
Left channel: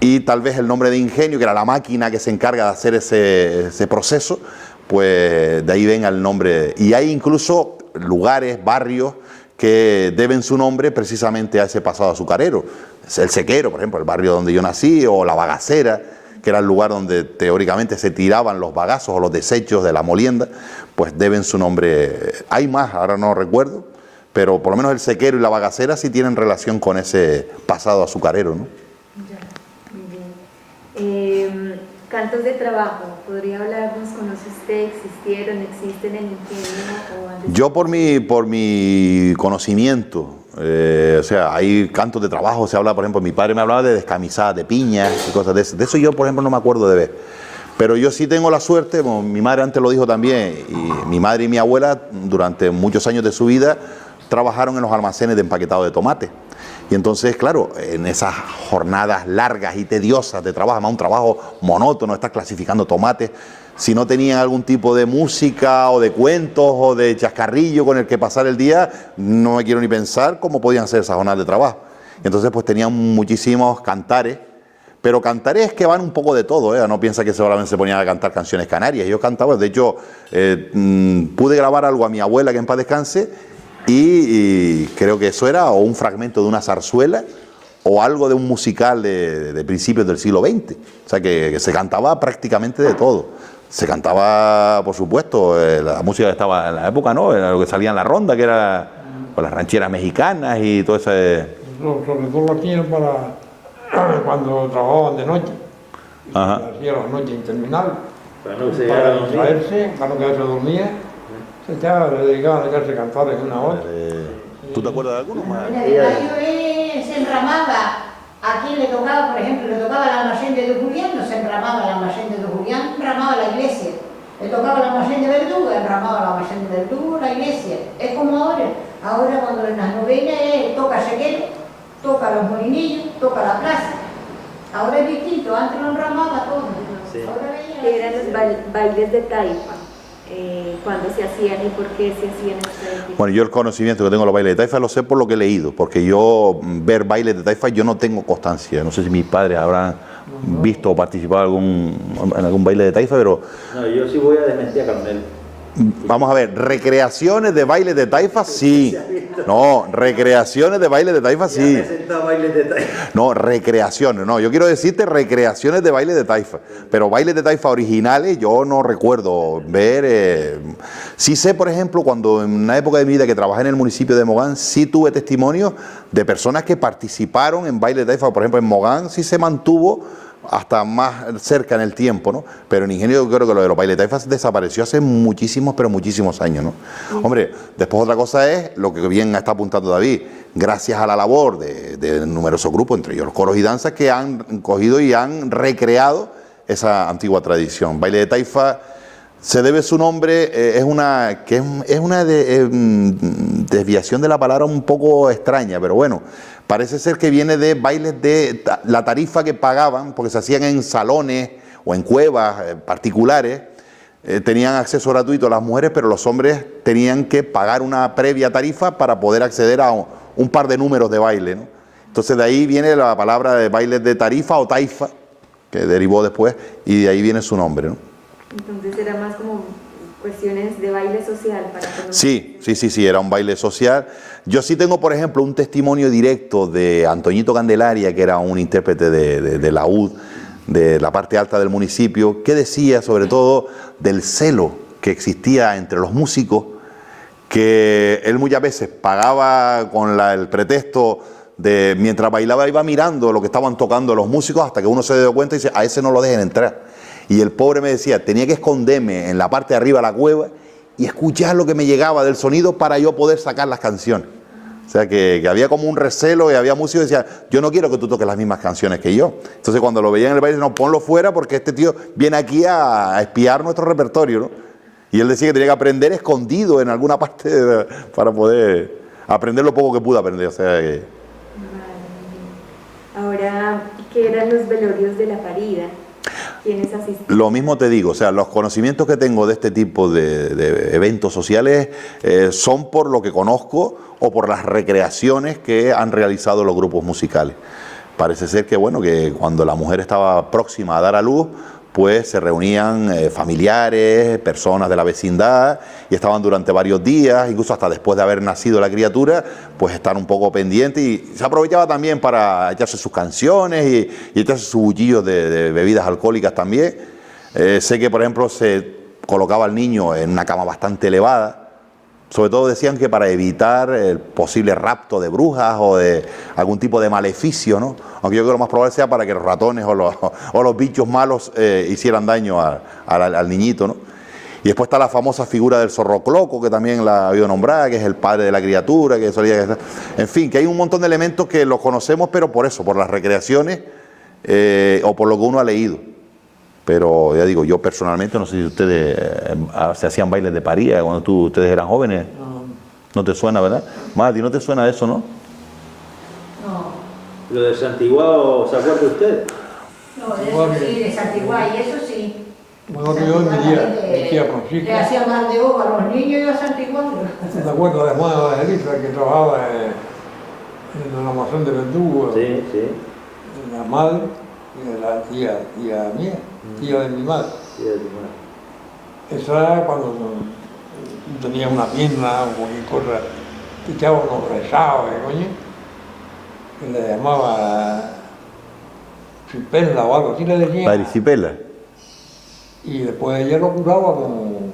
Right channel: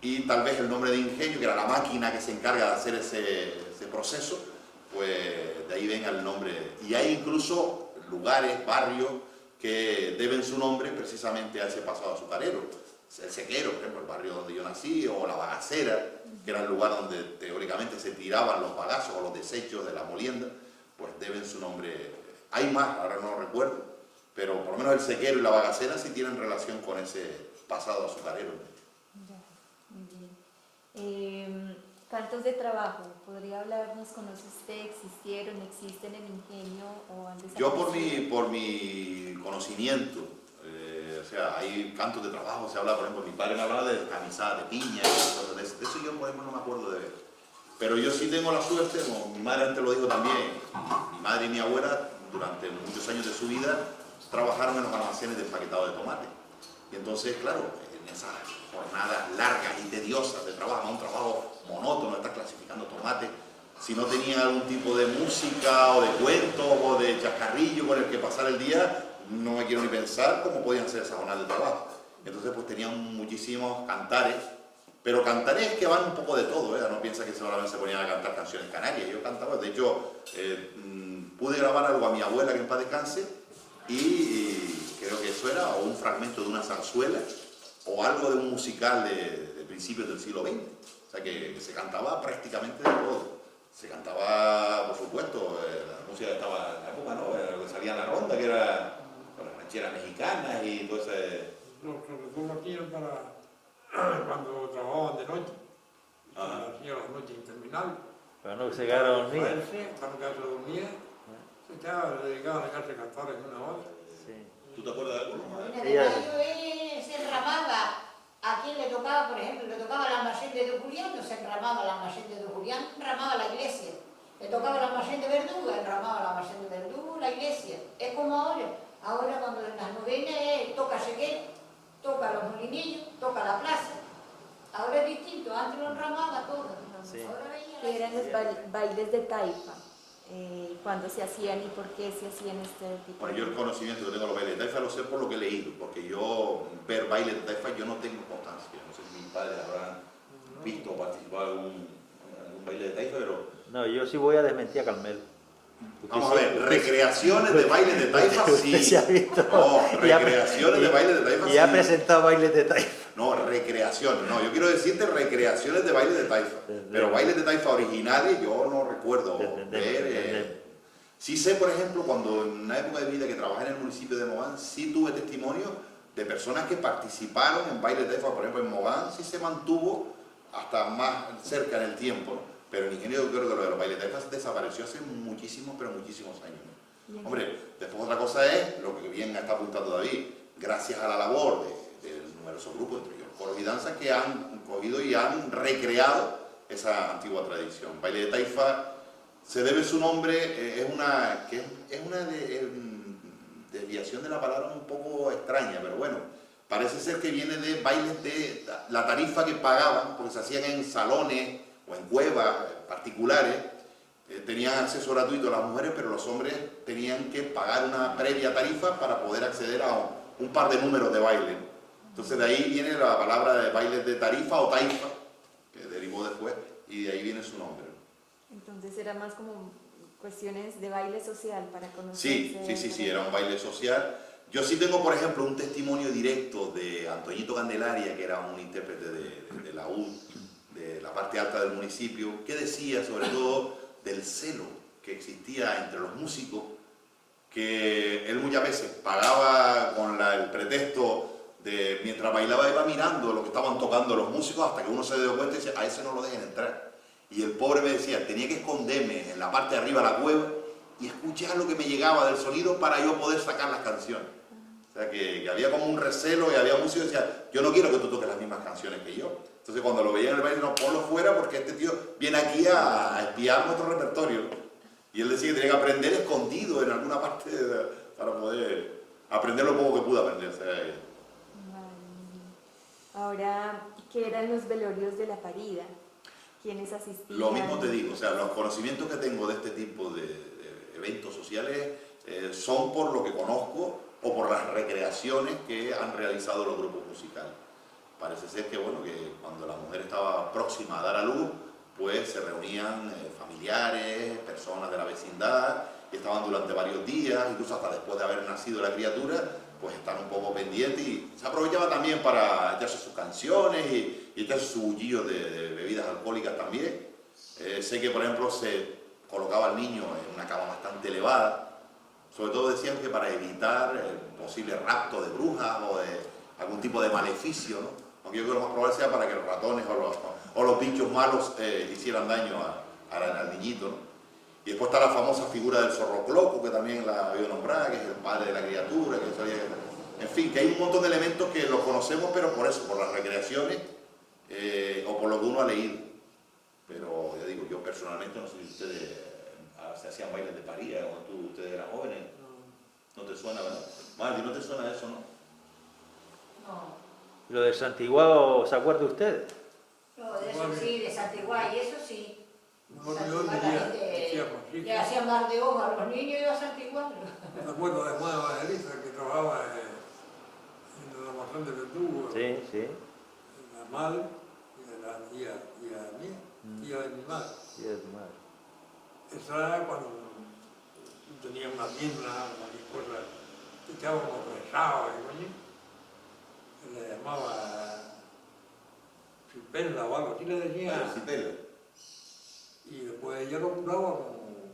y tal vez el nombre de ingenio, que era la máquina que se encarga de hacer ese proceso, pues de ahí venga el nombre. Y hay incluso lugares, barrios, que deben su nombre precisamente a ese pasado azucarero. El Sequero, por ejemplo, el barrio donde yo nací, o la Bagacera, que era el lugar donde teóricamente se tiraban los bagazos o los desechos de la molienda, pues deben su nombre. Hay más, ahora no recuerdo, pero por lo menos el Sequero y la Bagacera sí tienen relación con ese pasado azucarero, ¿no? Ya, muy bien. Cantos de trabajo, ¿podría hablarnos? ¿Conoce usted? ¿Existieron? ¿Existen en el ingenio? Yo por mi conocimiento, o sea, hay cantos de trabajo, se habla, por ejemplo, mi padre me hablaba de descamisadas de piña y cosas de eso. De eso yo, por ejemplo, no me acuerdo de ver. Pero yo sí tengo la suerte, como mi madre antes lo dijo también, y mi madre y mi abuela durante muchos años de su vida trabajaron en los almacenes de empaquetado de tomate. Y entonces, claro, en esas jornadas largas y tediosas de trabajo, además un trabajo monótono, estás clasificando tomates, si no tenían algún tipo de música o de cuentos o de chascarrillo con el que pasar el día, no me quiero ni pensar cómo podían ser esas jornadas de trabajo. Entonces, pues tenían muchísimos cantares, pero cantares que van un poco de todo, ¿eh? No piensa que solamente se ponían a cantar canciones canarias. Yo cantaba, de hecho, pude grabar algo a mi abuela, que en paz descanse, y creo que eso era o un fragmento de una zarzuela o algo de un musical de principios del siglo XX. O sea, que se cantaba prácticamente de todo. Se cantaba, por supuesto, la música que estaba en la época, ¿no? Era lo que salía en la ronda, que era pues, las rancheras mexicanas y todo ese... Sobre todo lo hacían para cuando trabajaban de noche. Ajá. Hacían la noche interminable. Para no se llegara a dormir. Distraerse, para no quedarse dormida. Se echaba, le dedicaban a dejarse cantar en una hora. ¿Tú te acuerdas de alguno más? En el barrio se enramaba. A quien le tocaba, por ejemplo, le tocaba el almacén de Don Julián, no se enramaba el almacén de Don Julián, enramaba la iglesia. Le tocaba el almacén de Verdugo, enramaba el almacén de Verdugo, la iglesia. Es como ahora. Ahora cuando en las novenas toca Sequero, toca los molinillos, toca la plaza. Ahora es distinto, antes lo enramaba todo. Sí. Ahora ¿Qué eran los bailes de taifa? ¿Cuándo se hacían y por qué se hacían estos bailes? Bueno, yo el conocimiento que tengo de los bailes de taifa lo sé por lo que he leído, porque yo ver bailes de taifa yo no tengo constancia. No sé si mis padres habrán visto o participado en algún baile de taifa, pero No, yo sí voy a desmentir a Carmelo. vamos a ver, recreaciones de baile de taifa, sí. No, recreaciones de baile de taifa, Ya sí. presentado bailes de taifa. No, recreaciones, no, yo quiero decirte recreaciones de baile de taifa, pero bailes de taifa originales yo no recuerdo ver. Sí sé, por ejemplo, cuando en una época de mi vida que trabajé en el municipio de Mogán, sí tuve testimonio de personas que participaron en baile de taifa, por ejemplo en Mogán sí se mantuvo hasta más cerca en el tiempo, ¿no? Pero en Ingenio yo creo que lo de los bailes de taifa desapareció hace muchísimos, pero muchísimos años, ¿no? Hombre, después otra cosa es lo que bien está apuntando David, gracias a la labor de numerosos grupos, entre ellos los coros y danzas, que han cogido y han recreado esa antigua tradición. Baile de taifa se debe su nombre, es una desviación de la palabra un poco extraña, pero bueno, parece ser que viene de bailes de la tarifa que pagaban, porque se hacían en salones o en cuevas particulares, tenían acceso gratuito a las mujeres, pero los hombres tenían que pagar una previa tarifa para poder acceder a un par de números de baile, ¿no? Entonces de ahí viene la palabra de bailes de tarifa o taifa, que derivó después, y de ahí viene su nombre, ¿no? Entonces era más como cuestiones de baile social para conocer. Sí, era un baile social. Yo sí tengo, por ejemplo, un testimonio directo de Antoñito Candelaria, que era un intérprete de laúd, de la parte alta del municipio, que decía sobre todo del celo que existía entre los músicos, que él muchas veces pagaba con el pretexto de, mientras bailaba iba mirando lo que estaban tocando los músicos hasta que uno se dio cuenta y dice, a ese no lo dejen entrar. Y el pobre me decía, tenía que esconderme en la parte de arriba de la cueva y escuchar lo que me llegaba del sonido para yo poder sacar las canciones. O sea, que había como un recelo y había músicos que decían, yo no quiero que tú toques las mismas canciones que yo. Entonces cuando lo veían en el baile, no, ponlo fuera porque este tío viene aquí a espiar nuestro repertorio, ¿no? Y él decía que tenía que aprender escondido en alguna parte para poder aprender lo poco que pudo aprender. O sea, que... Vale. Ahora, ¿qué eran los velorios de la parida? ¿Quiénes asistían? Lo mismo te digo, o sea, los conocimientos que tengo de este tipo de eventos sociales son por lo que conozco o por las recreaciones que han realizado los grupos musicales. Parece ser que, bueno, que cuando la mujer estaba próxima a dar a luz, pues se reunían familiares, personas de la vecindad y estaban durante varios días, incluso hasta después de haber nacido la criatura, pues estar un poco pendientes y se aprovechaba también para echarse sus canciones y echarse sus bullillos de bebidas alcohólicas también. Sé que, por ejemplo, se colocaba al niño en una cama bastante elevada. Sobre todo decían que para evitar el posible rapto de brujas o de algún tipo de maleficio, ¿no? Aunque yo creo que lo más probable sea para que los ratones o los bichos malos hicieran daño al niñito, ¿no? Y después está la famosa figura del zorrocloco, que también la ha habido nombrada, que es el padre de la criatura, que solía... En fin, que hay un montón de elementos que los conocemos, pero por eso, por las recreaciones o por lo que uno ha leído. Pero ya digo, yo personalmente, no sé si ustedes se hacían bailes de paría cuando ustedes eran jóvenes. No te suena, ¿verdad? Mati, ¿no te suena eso, no? No, Lo de Santiguao, ¿se acuerdan ustedes? no, de eso sí, de Santiguay, eso sí. Bueno, yo decía Le Francisco, hacían mal de ojo a los niños y a Santiguay. ¿te acuerdas de Juan Evangelista que trabajaba en el almacén de Verdugo? Sí, sí. De la madre y de la tía mía, tía de mi madre. Sí, de tu madre. Esa era cuando tenía una pierna o cualquier cosa, te echaba unos rezados, coño, que le llamaba cipela o algo así le decían. Paricipela. Y después ella lo curaba con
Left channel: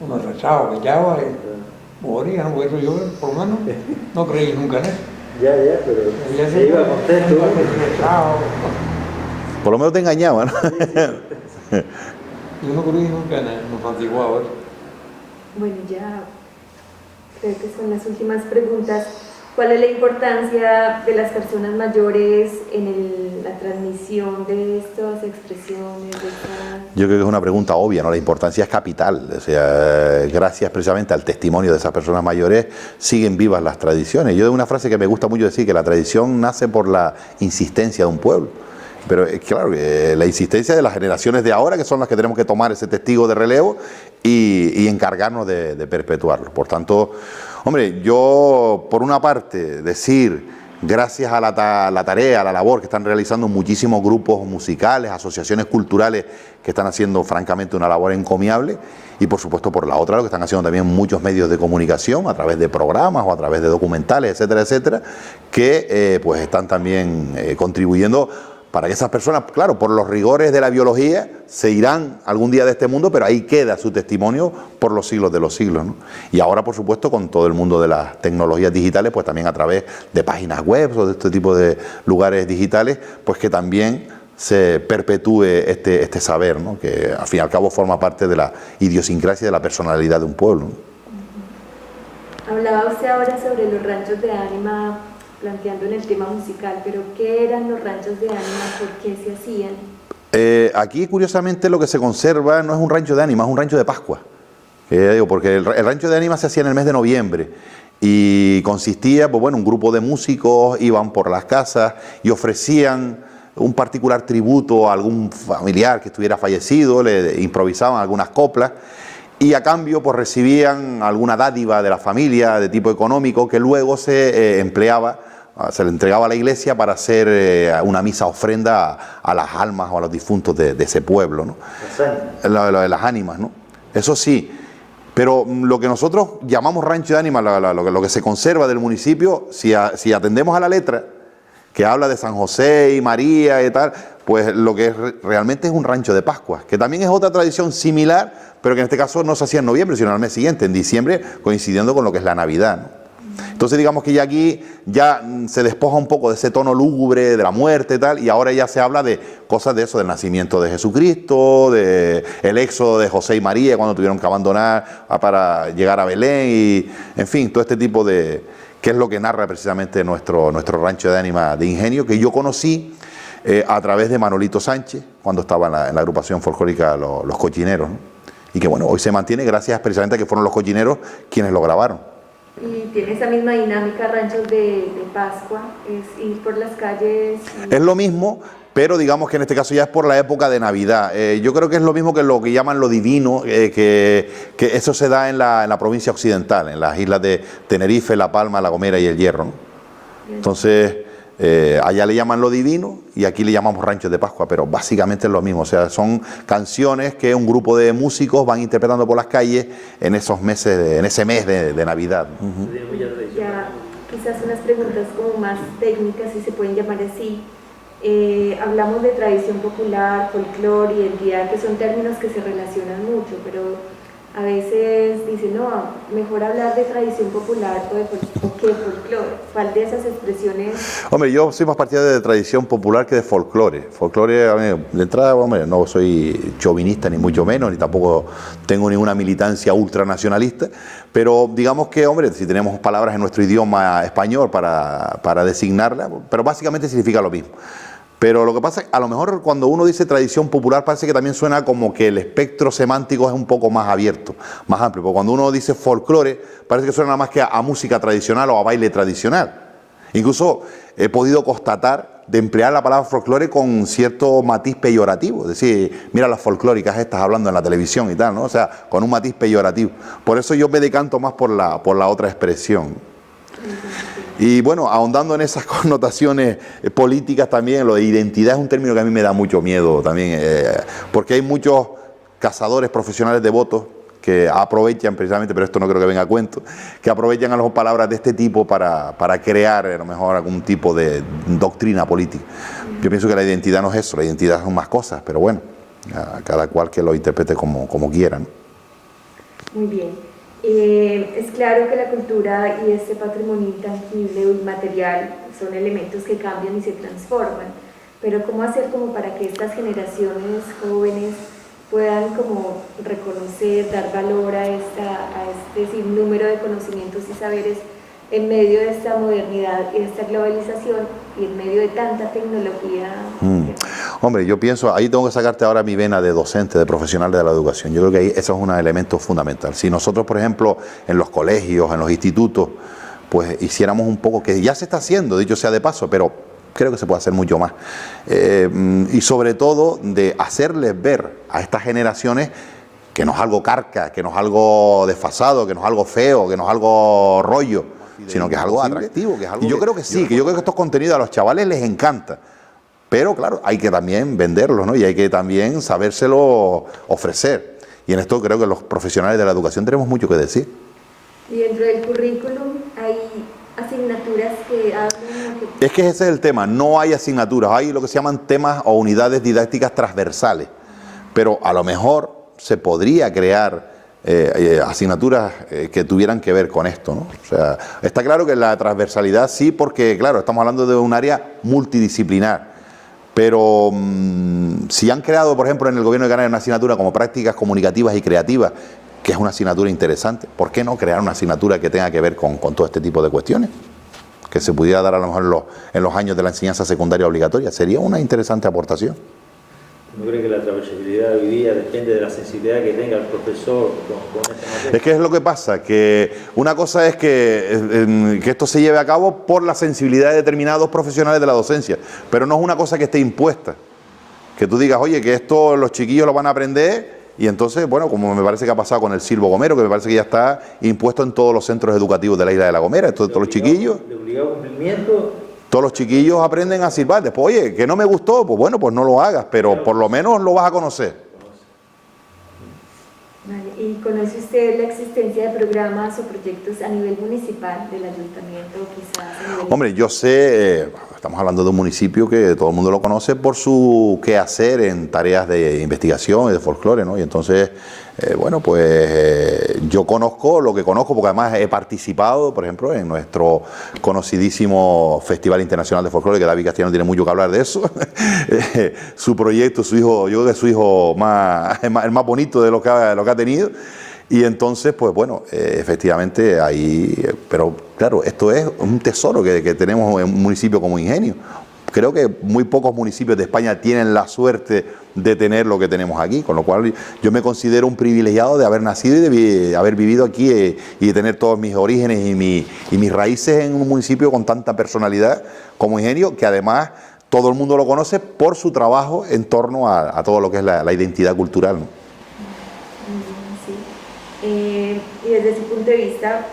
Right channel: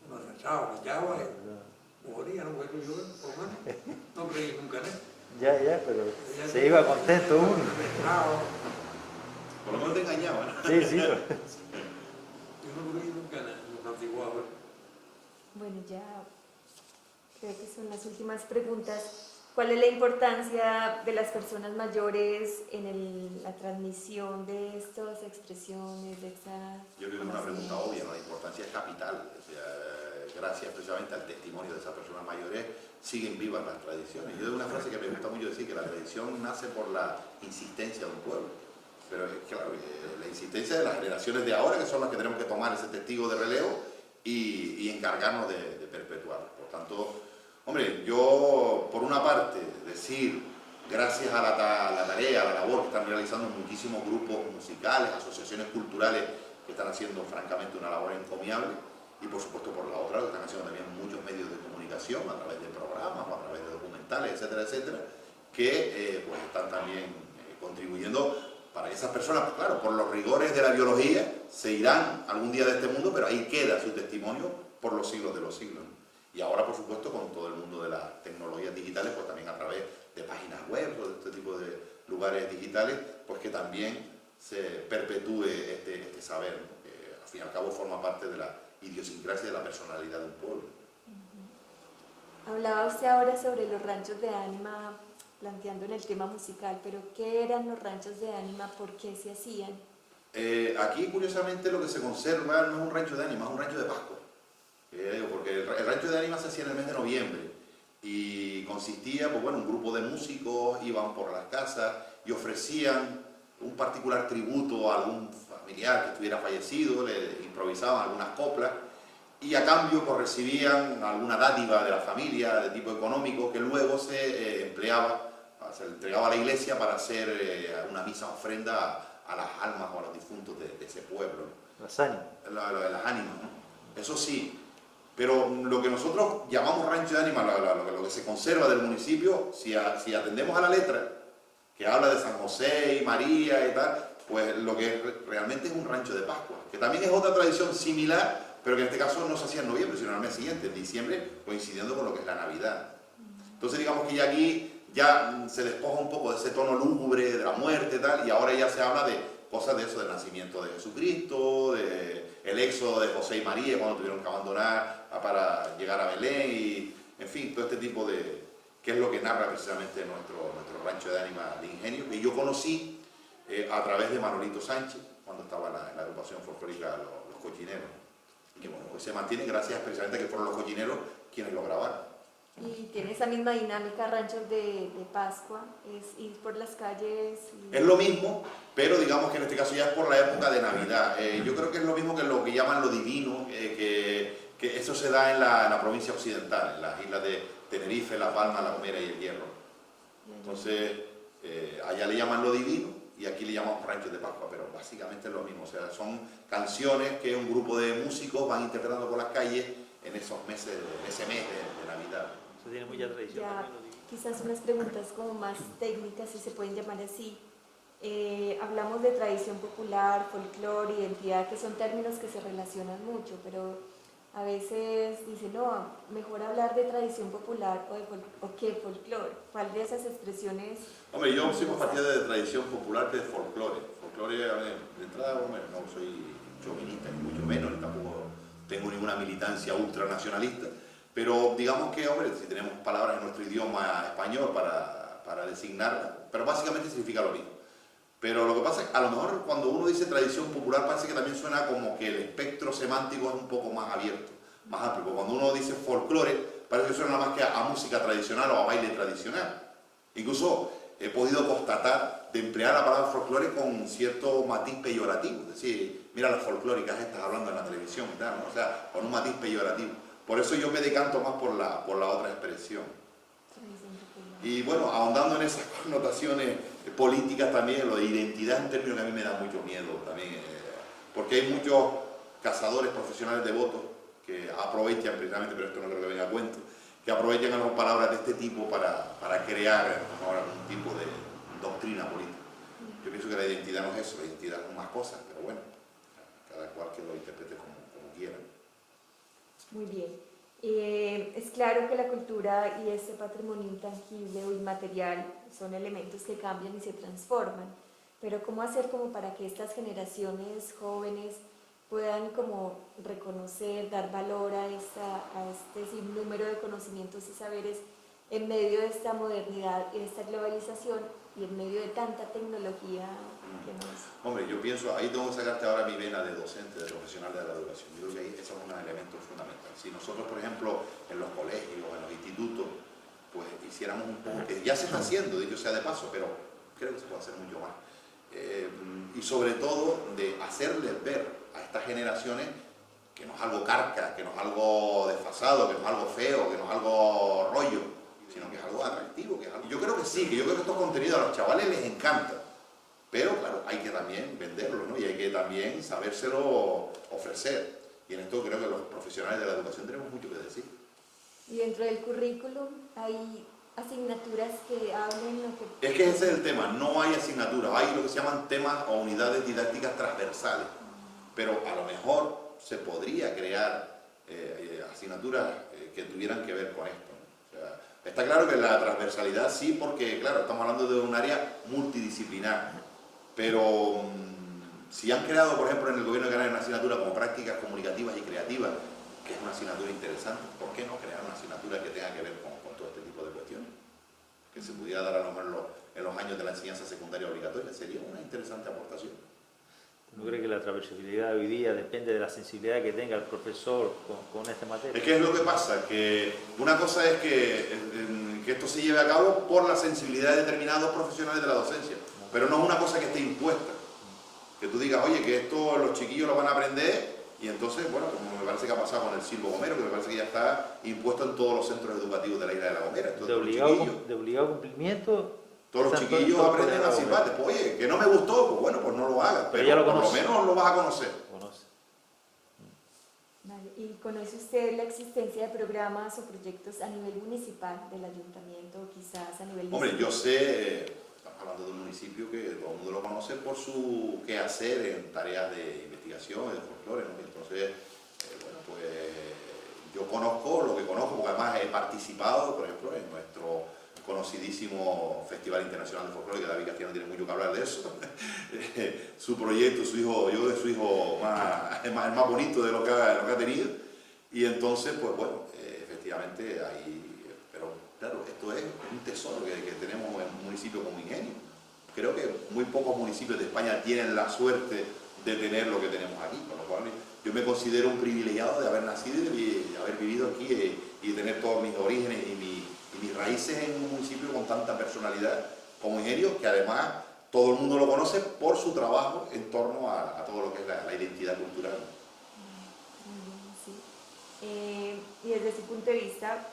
unos rezados que echaba y moría, ¿no? Por eso yo, por lo menos, no creí nunca en eso. Ya, pero Ella se iba contento. rezado. Por lo menos te engañaban, ¿no? Sí, sí. Yo no creí nunca en los antiguos. Bueno, ya creo que son las últimas preguntas. ¿Cuál es la importancia de las personas mayores en la transmisión de estas expresiones? Yo creo que es una pregunta obvia, ¿no? La importancia es capital. O sea, gracias precisamente al testimonio de esas personas mayores siguen vivas las tradiciones. Yo de una frase que me gusta mucho decir, que la tradición nace por la insistencia de un pueblo. Pero claro, la insistencia de las generaciones de ahora, que son las que tenemos que tomar ese testigo de relevo y encargarnos de perpetuarlo. Por tanto, hombre, yo por una parte decir gracias a la tarea, a la labor que están realizando muchísimos grupos musicales, asociaciones culturales que están haciendo francamente una labor encomiable, y por supuesto por la otra lo que están haciendo también muchos medios de comunicación a través de programas o a través de documentales, etcétera, etcétera, que pues están también contribuyendo para que esas personas, claro, por los rigores de la biología, se irán algún día de este mundo, pero ahí queda su testimonio por los siglos de los siglos, ¿no? Y ahora, por supuesto, con todo el mundo de las tecnologías digitales, pues también a través de páginas web o de este tipo de lugares digitales, pues que también se perpetúe este saber, ¿no? Que al fin y al cabo forma parte de la idiosincrasia y de la personalidad de un pueblo, ¿no? Hablaba usted ahora sobre los ranchos de ánima, planteando en el tema musical, pero ¿qué eran los ranchos de ánima? ¿Por qué se hacían? Aquí, curiosamente, lo que se conserva no es un rancho de ánima, es un rancho de Pascua. Porque el rancho de ánima se hacía en el mes de noviembre y consistía, pues bueno, un grupo de músicos iban por las casas y ofrecían un particular tributo a algún familiar que estuviera fallecido, le improvisaban algunas coplas y a cambio pues recibían alguna dádiva de la familia de tipo económico que luego se empleaba, se le entregaba a la iglesia para hacer una misa ofrenda a las almas o a los difuntos de ese pueblo, ¿no? Las ánimas, ¿no? Eso sí, pero lo que nosotros llamamos rancho de ánimas, lo que se conserva del municipio, si atendemos a la letra, que habla de San José y María y tal, pues lo que realmente es un rancho de Pascua, que también es otra tradición similar, pero que en este caso no se hacía en noviembre, sino al mes siguiente, en diciembre, coincidiendo con lo que es la Navidad, ¿no? Entonces digamos que ya aquí se despoja un poco de ese tono lúgubre, de la muerte y tal, y ahora ya se habla de cosas de eso, del nacimiento de Jesucristo, del éxodo de José y María cuando tuvieron que abandonar para llegar a Belén, y en fin, todo este tipo de... que es lo que narra precisamente nuestro rancho de ánima de Ingenio, que yo conocí a través de Manolito Sánchez, cuando estaba en la agrupación folclórica Los Cochineros, ¿no? Y que bueno, hoy se mantiene gracias precisamente a que fueron los cochineros quienes lo grabaron. Y tiene esa misma dinámica, ranchos de Pascua, es ir por las calles. Es lo mismo, pero digamos que en este caso ya es por la época de Navidad. Yo creo que es lo mismo que lo que llaman lo divino, que eso se da en la provincia occidental, en las islas de Tenerife, La Palma, La Gomera y El Hierro, ¿no? Entonces, allá le llaman lo divino y aquí le llamamos ranchos de Pascua, pero básicamente es lo mismo. O sea, son canciones que un grupo de músicos van interpretando por las calles en esos meses, en ese mes de Navidad. Ya, quizás unas preguntas como más técnicas, si se pueden llamar así. Hablamos de tradición popular, folclore, identidad, que son términos que se relacionan mucho, pero a veces dicen, no, mejor hablar de tradición popular o que folclore. ¿Cuál de esas expresiones? Hombre, yo soy más partidario de tradición popular que de folclore. Folclore, de entrada, hombre, no soy chauvinista ni mucho menos, ni tampoco tengo ninguna militancia ultranacionalista, pero digamos que, hombre, si tenemos palabras en nuestro idioma español para designarla, pero básicamente significa lo mismo. Pero lo que pasa es que a lo mejor cuando uno dice tradición popular parece que también suena como que el espectro semántico es un poco más abierto, más amplio. Porque cuando uno dice folclore parece que suena nada más que a música tradicional o a baile tradicional. Incluso he podido constatar de emplear la palabra folclore con cierto matiz peyorativo. Es decir, mira las folclóricas estas hablando en la televisión y tal, ¿no? O sea, con un matiz peyorativo. Por eso yo me decanto más por la otra expresión. Y bueno, ahondando en esas connotaciones políticas también, lo de identidad es un término que a mí me da mucho miedo también, porque hay muchos cazadores profesionales de votos que aprovechan precisamente, pero esto no creo que venga a cuento, que aprovechan a las palabras de este tipo para crear a lo mejor algún tipo de doctrina política. Yo pienso que la identidad no es eso, la identidad son más cosas, pero bueno, cada cual que lo interprete como quiera, ¿no? Muy bien. Es claro que la cultura y este patrimonio intangible o inmaterial son elementos que cambian y se transforman, pero ¿cómo hacer como para que estas generaciones jóvenes puedan como reconocer, dar valor a este sinnúmero de conocimientos y saberes en medio de esta modernidad y de esta globalización y en medio de tanta tecnología? Hombre, yo pienso, ahí tengo que sacarte ahora mi vena de docente, de profesional de la educación. Yo creo que ahí eso es un elemento fundamental. Si nosotros, por ejemplo, en los colegios, en los institutos, pues hiciéramos un poco, que ya se está haciendo, dicho sea de paso, pero creo que se puede hacer mucho más. Y sobre todo de hacerles ver a estas generaciones que no es algo carca, que no es algo desfasado, que no es algo feo, que no es algo rollo. sino que es algo atractivo. Y yo creo que sí, que yo creo que estos contenidos a los chavales les encanta. Pero claro, hay que también venderlos, ¿no? Y hay que también sabérselo ofrecer. Y en esto creo que los profesionales de la educación tenemos mucho que decir. Y dentro del currículum hay asignaturas que hablan... Es que ese es el tema, no hay asignaturas, hay lo que se llaman temas o unidades didácticas transversales. Pero a lo mejor se podría crear asignaturas que tuvieran que ver con esto, ¿no? O sea, está claro que la transversalidad sí, porque claro, estamos hablando de un área multidisciplinar. Pero si han creado, por ejemplo, en el Gobierno de Canarias una asignatura como prácticas comunicativas y creativas, que es una asignatura interesante, ¿por qué no crear una asignatura que tenga que ver con todo este tipo de cuestiones? Que se pudiera dar a lo mejor en los años de la enseñanza secundaria obligatoria. Sería una interesante aportación. ¿No cree que la transversalidad hoy día depende de la sensibilidad que tenga el profesor con esta materia? Es que es lo que pasa, que una cosa es que esto se lleve a cabo por la sensibilidad de determinados profesionales de la docencia, pero no es una cosa que esté impuesta. Que tú digas, oye, que esto los chiquillos lo van a aprender y entonces, bueno, como me parece que ha pasado con el Silbo Gomero, que me parece que ya está impuesto en todos los centros educativos de la isla de La Gomera, entonces todos los chiquillos... De obligado cumplimiento... Todos los chiquillos aprenden a silbar. Después, oye, que no me gustó, pues bueno, pues no lo hagas, pero por lo menos lo vas a conocer. Vale. ¿Y conoce usted la existencia de programas o proyectos a nivel municipal del ayuntamiento, quizás a nivel... Hombre, yo sé, estamos hablando de un municipio que todo el mundo lo conoce por su quehacer en tareas de investigación y de folclore, ¿no? Y entonces, bueno, pues yo conozco lo que conozco, porque además he participado, por ejemplo, en nuestro conocidísimo Festival Internacional de Folclore, que David Castellano tiene mucho que hablar de eso. Su proyecto, su hijo, yo creo que es su hijo el más bonito de lo que ha tenido. Y entonces, pues bueno, efectivamente ahí, pero claro, esto es un tesoro que tenemos en un municipio como Ingenio. Creo que muy pocos municipios de España tienen la suerte de tener lo que tenemos aquí, con lo cual yo me considero un privilegiado de haber nacido y de haber vivido aquí y de tener todos mis orígenes y mis raíces en un municipio con tanta personalidad como Ingenio, que además todo el mundo lo conoce por su trabajo en torno a todo lo que es la identidad cultural, ¿no? Sí. Y desde su punto de vista,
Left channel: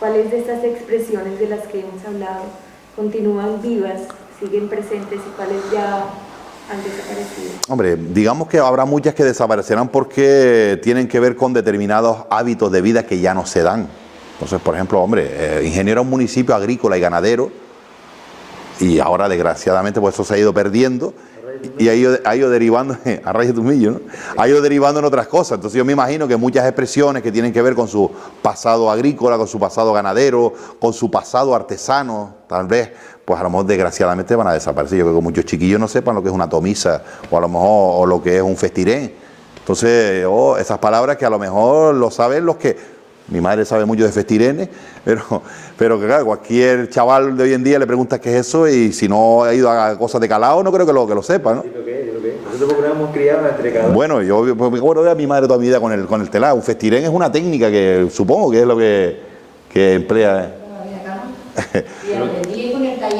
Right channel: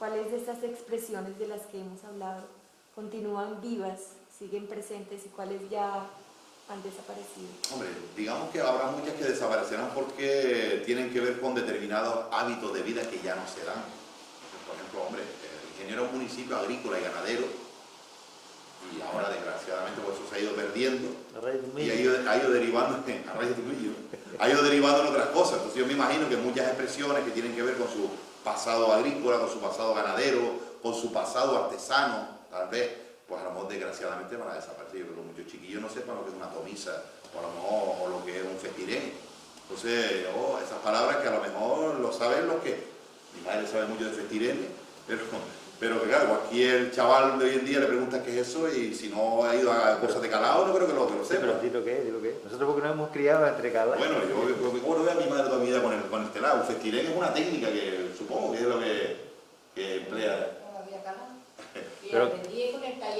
¿cuáles de estas expresiones de las que hemos hablado continúan vivas, siguen presentes y cuáles ya han desaparecido? Hombre, digamos que habrá muchas que desaparecerán porque tienen que ver con determinados hábitos de vida que ya no se dan. Entonces, por ejemplo, hombre, Ingenio era un municipio agrícola y ganadero y ahora, desgraciadamente, pues eso se ha ido perdiendo y ha ido derivando, a raíz de un millo, ¿no? Ha ido derivando en otras cosas. Entonces yo me imagino que muchas expresiones que tienen que ver con su pasado agrícola, con su pasado ganadero, con su pasado artesano, tal vez, pues a lo mejor desgraciadamente van a desaparecer. Yo creo que muchos chiquillos no sepan lo que es una tomisa o a lo mejor lo que es un festirén. Entonces, esas palabras que a lo mejor lo saben los que... Mi madre sabe mucho de festirenes, pero que claro, cualquier chaval de hoy en día le preguntas qué es eso y si no ha ido a cosas de calado no creo que lo sepa, ¿no? Sí, lo que es. Nosotros porque nos hemos criado entre cada... Bueno, yo me acuerdo de a mi madre toda mi vida con el telado. Un festirén es una técnica que supongo que es lo que emplea.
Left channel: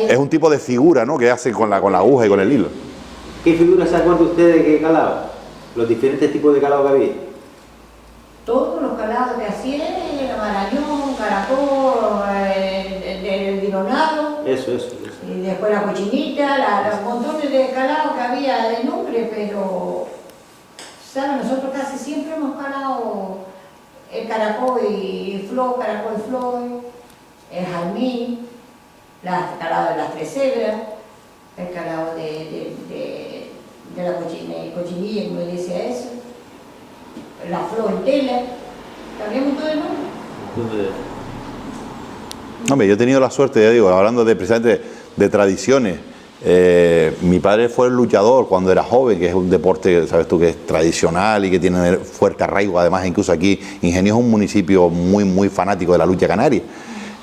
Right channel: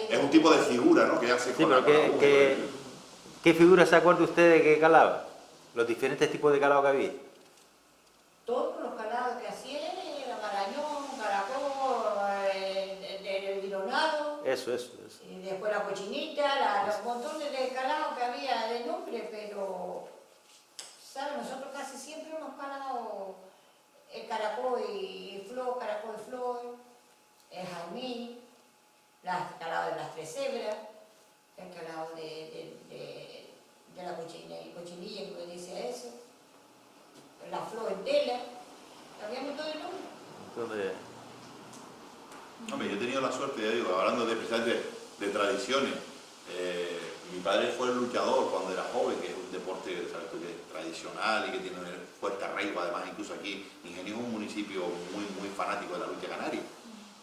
Es un tipo de figura, ¿no? Que hace con la aguja y con el hilo. ¿Qué figuras se acuerdan ustedes que calado? Los diferentes tipos de calado que había. Todos los calados que hacían, marañón, caracol, el dinonado. Eso. Y después la cochinita, los montones de calados que había de nombre, pero, ¿saben? Nosotros casi siempre hemos calado el caracol y flor, el jazmín, el calado de las tres cebras, el calado de la cochinilla, como decía eso, la flor en tela, cambiamos todo el nombre. Hombre, yo he tenido la suerte, ya digo, hablando precisamente de tradiciones. Mi padre fue el luchador cuando era joven, que es un deporte, sabes tú, que es tradicional y que tiene fuerte arraigo. Además, incluso aquí, Ingenio es un municipio muy fanático de la lucha canaria.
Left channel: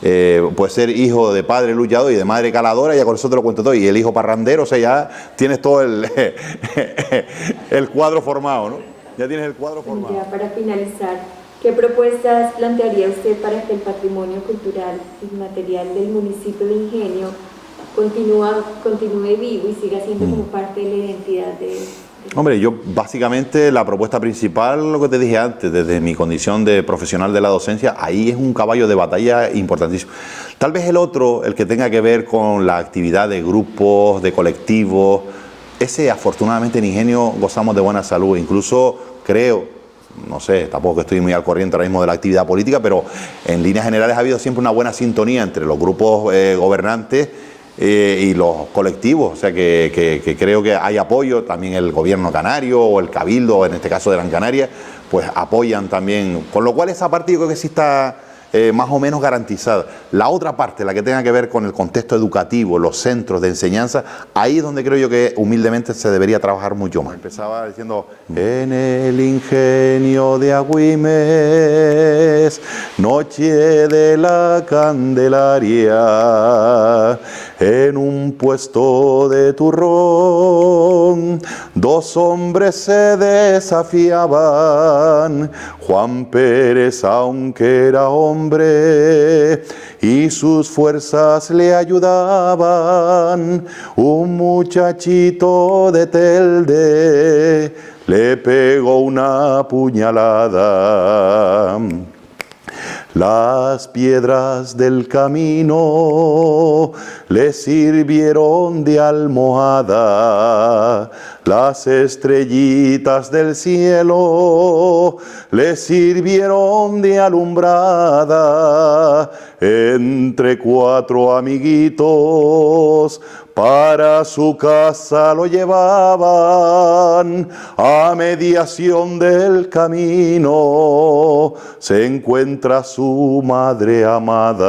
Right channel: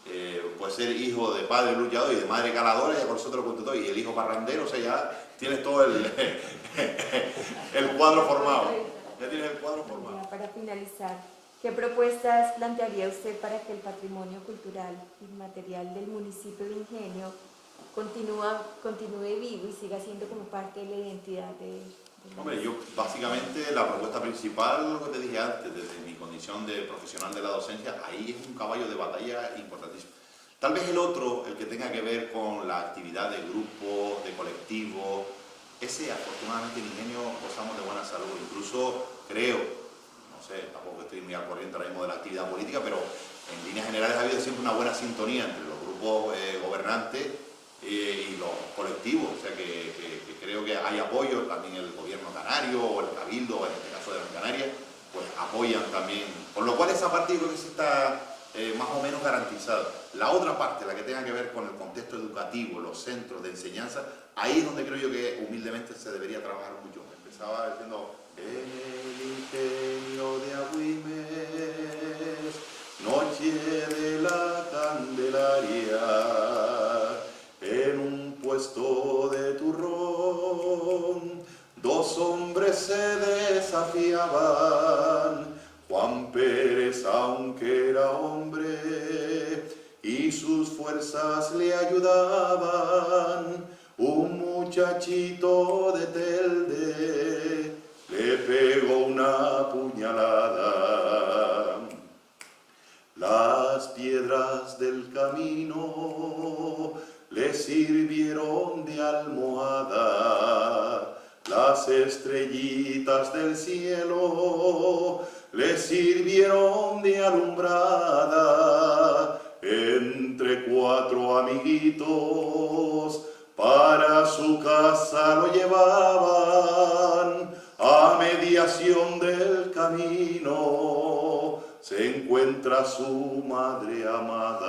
Puede ser hijo de padre luchador y de madre caladora, ya con eso te lo cuento todo. Y el hijo parrandero, o sea, ya tienes todo el cuadro formado, ¿no? Ya tienes el cuadro formado. Ya para finalizar, ¿qué propuestas plantearía usted para que el patrimonio cultural inmaterial del municipio de Ingenio continúe vivo y siga siendo como parte de la identidad de Hombre, yo básicamente la propuesta principal, lo que te dije antes, desde mi condición de profesional de la docencia, ahí es un caballo de batalla importantísimo. Tal vez el otro, el que tenga que ver con la actividad de grupos, de colectivos, ese afortunadamente en Ingenio gozamos de buena salud, incluso creo, no sé, tampoco estoy muy al corriente ahora mismo de la actividad política, pero en líneas generales ha habido siempre una buena sintonía entre los grupos gobernantes y los colectivos, o sea que creo que hay apoyo, también el gobierno canario o el cabildo, en este caso de Gran Canaria, pues apoyan también, con lo cual esa parte yo creo que sí está más o menos garantizada. La otra parte, la que tenga que ver con el contexto educativo, los centros de enseñanza, ahí es donde creo yo que humildemente se debería trabajar mucho más. Empezaba diciendo, en el ingenio de Agüimes, noche de la Candelaria, en un puesto de turrón, dos hombres se desafiaban. Juan Pérez, aunque era hombre, y sus fuerzas le ayudaban. Un muchachito de Telde le pegó una puñalada. Las piedras del camino le sirvieron de almohada, las estrellitas del cielo le sirvieron de alumbrada. Entre cuatro amiguitos para su casa lo llevaban, a mediación del camino se encuentra su madre amada.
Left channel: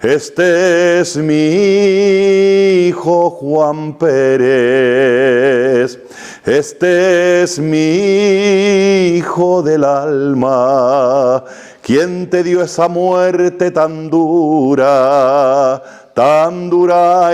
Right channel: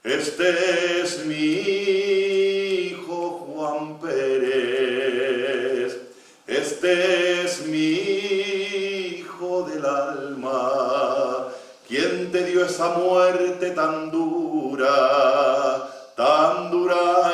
Este es mi hijo Juan Pérez, este es mi hijo del alma. ¿Quién te dio esa muerte tan dura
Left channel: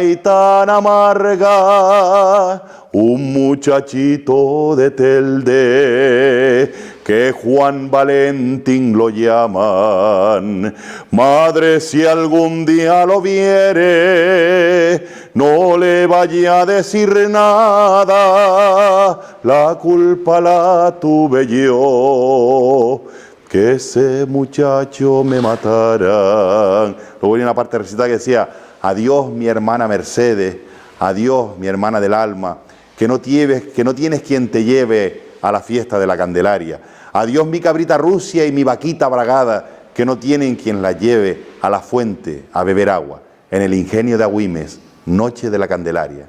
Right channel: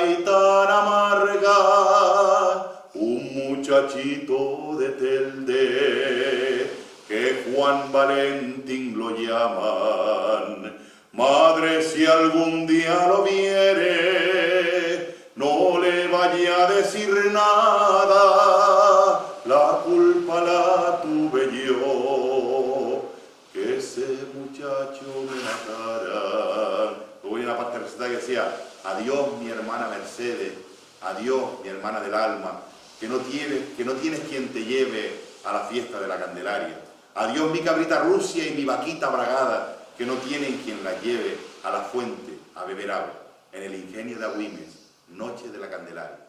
y tan amarga? Un muchachito de Telde, que Juan Valentín lo llaman. Madre, si algún día lo viere, no le vaya a decir nada, la culpa la tuve yo, que ese muchacho me matara. Luego viene una parte recitada que decía, adiós mi hermana Mercedes, adiós mi hermana del alma, que no tienes quien te lleve a la fiesta de la Candelaria. Adiós mi cabrita Rusia y mi vaquita bragada, que no tienen quien la lleve a la fuente a beber agua. En el ingenio de Agüimes, noche de la Candelaria.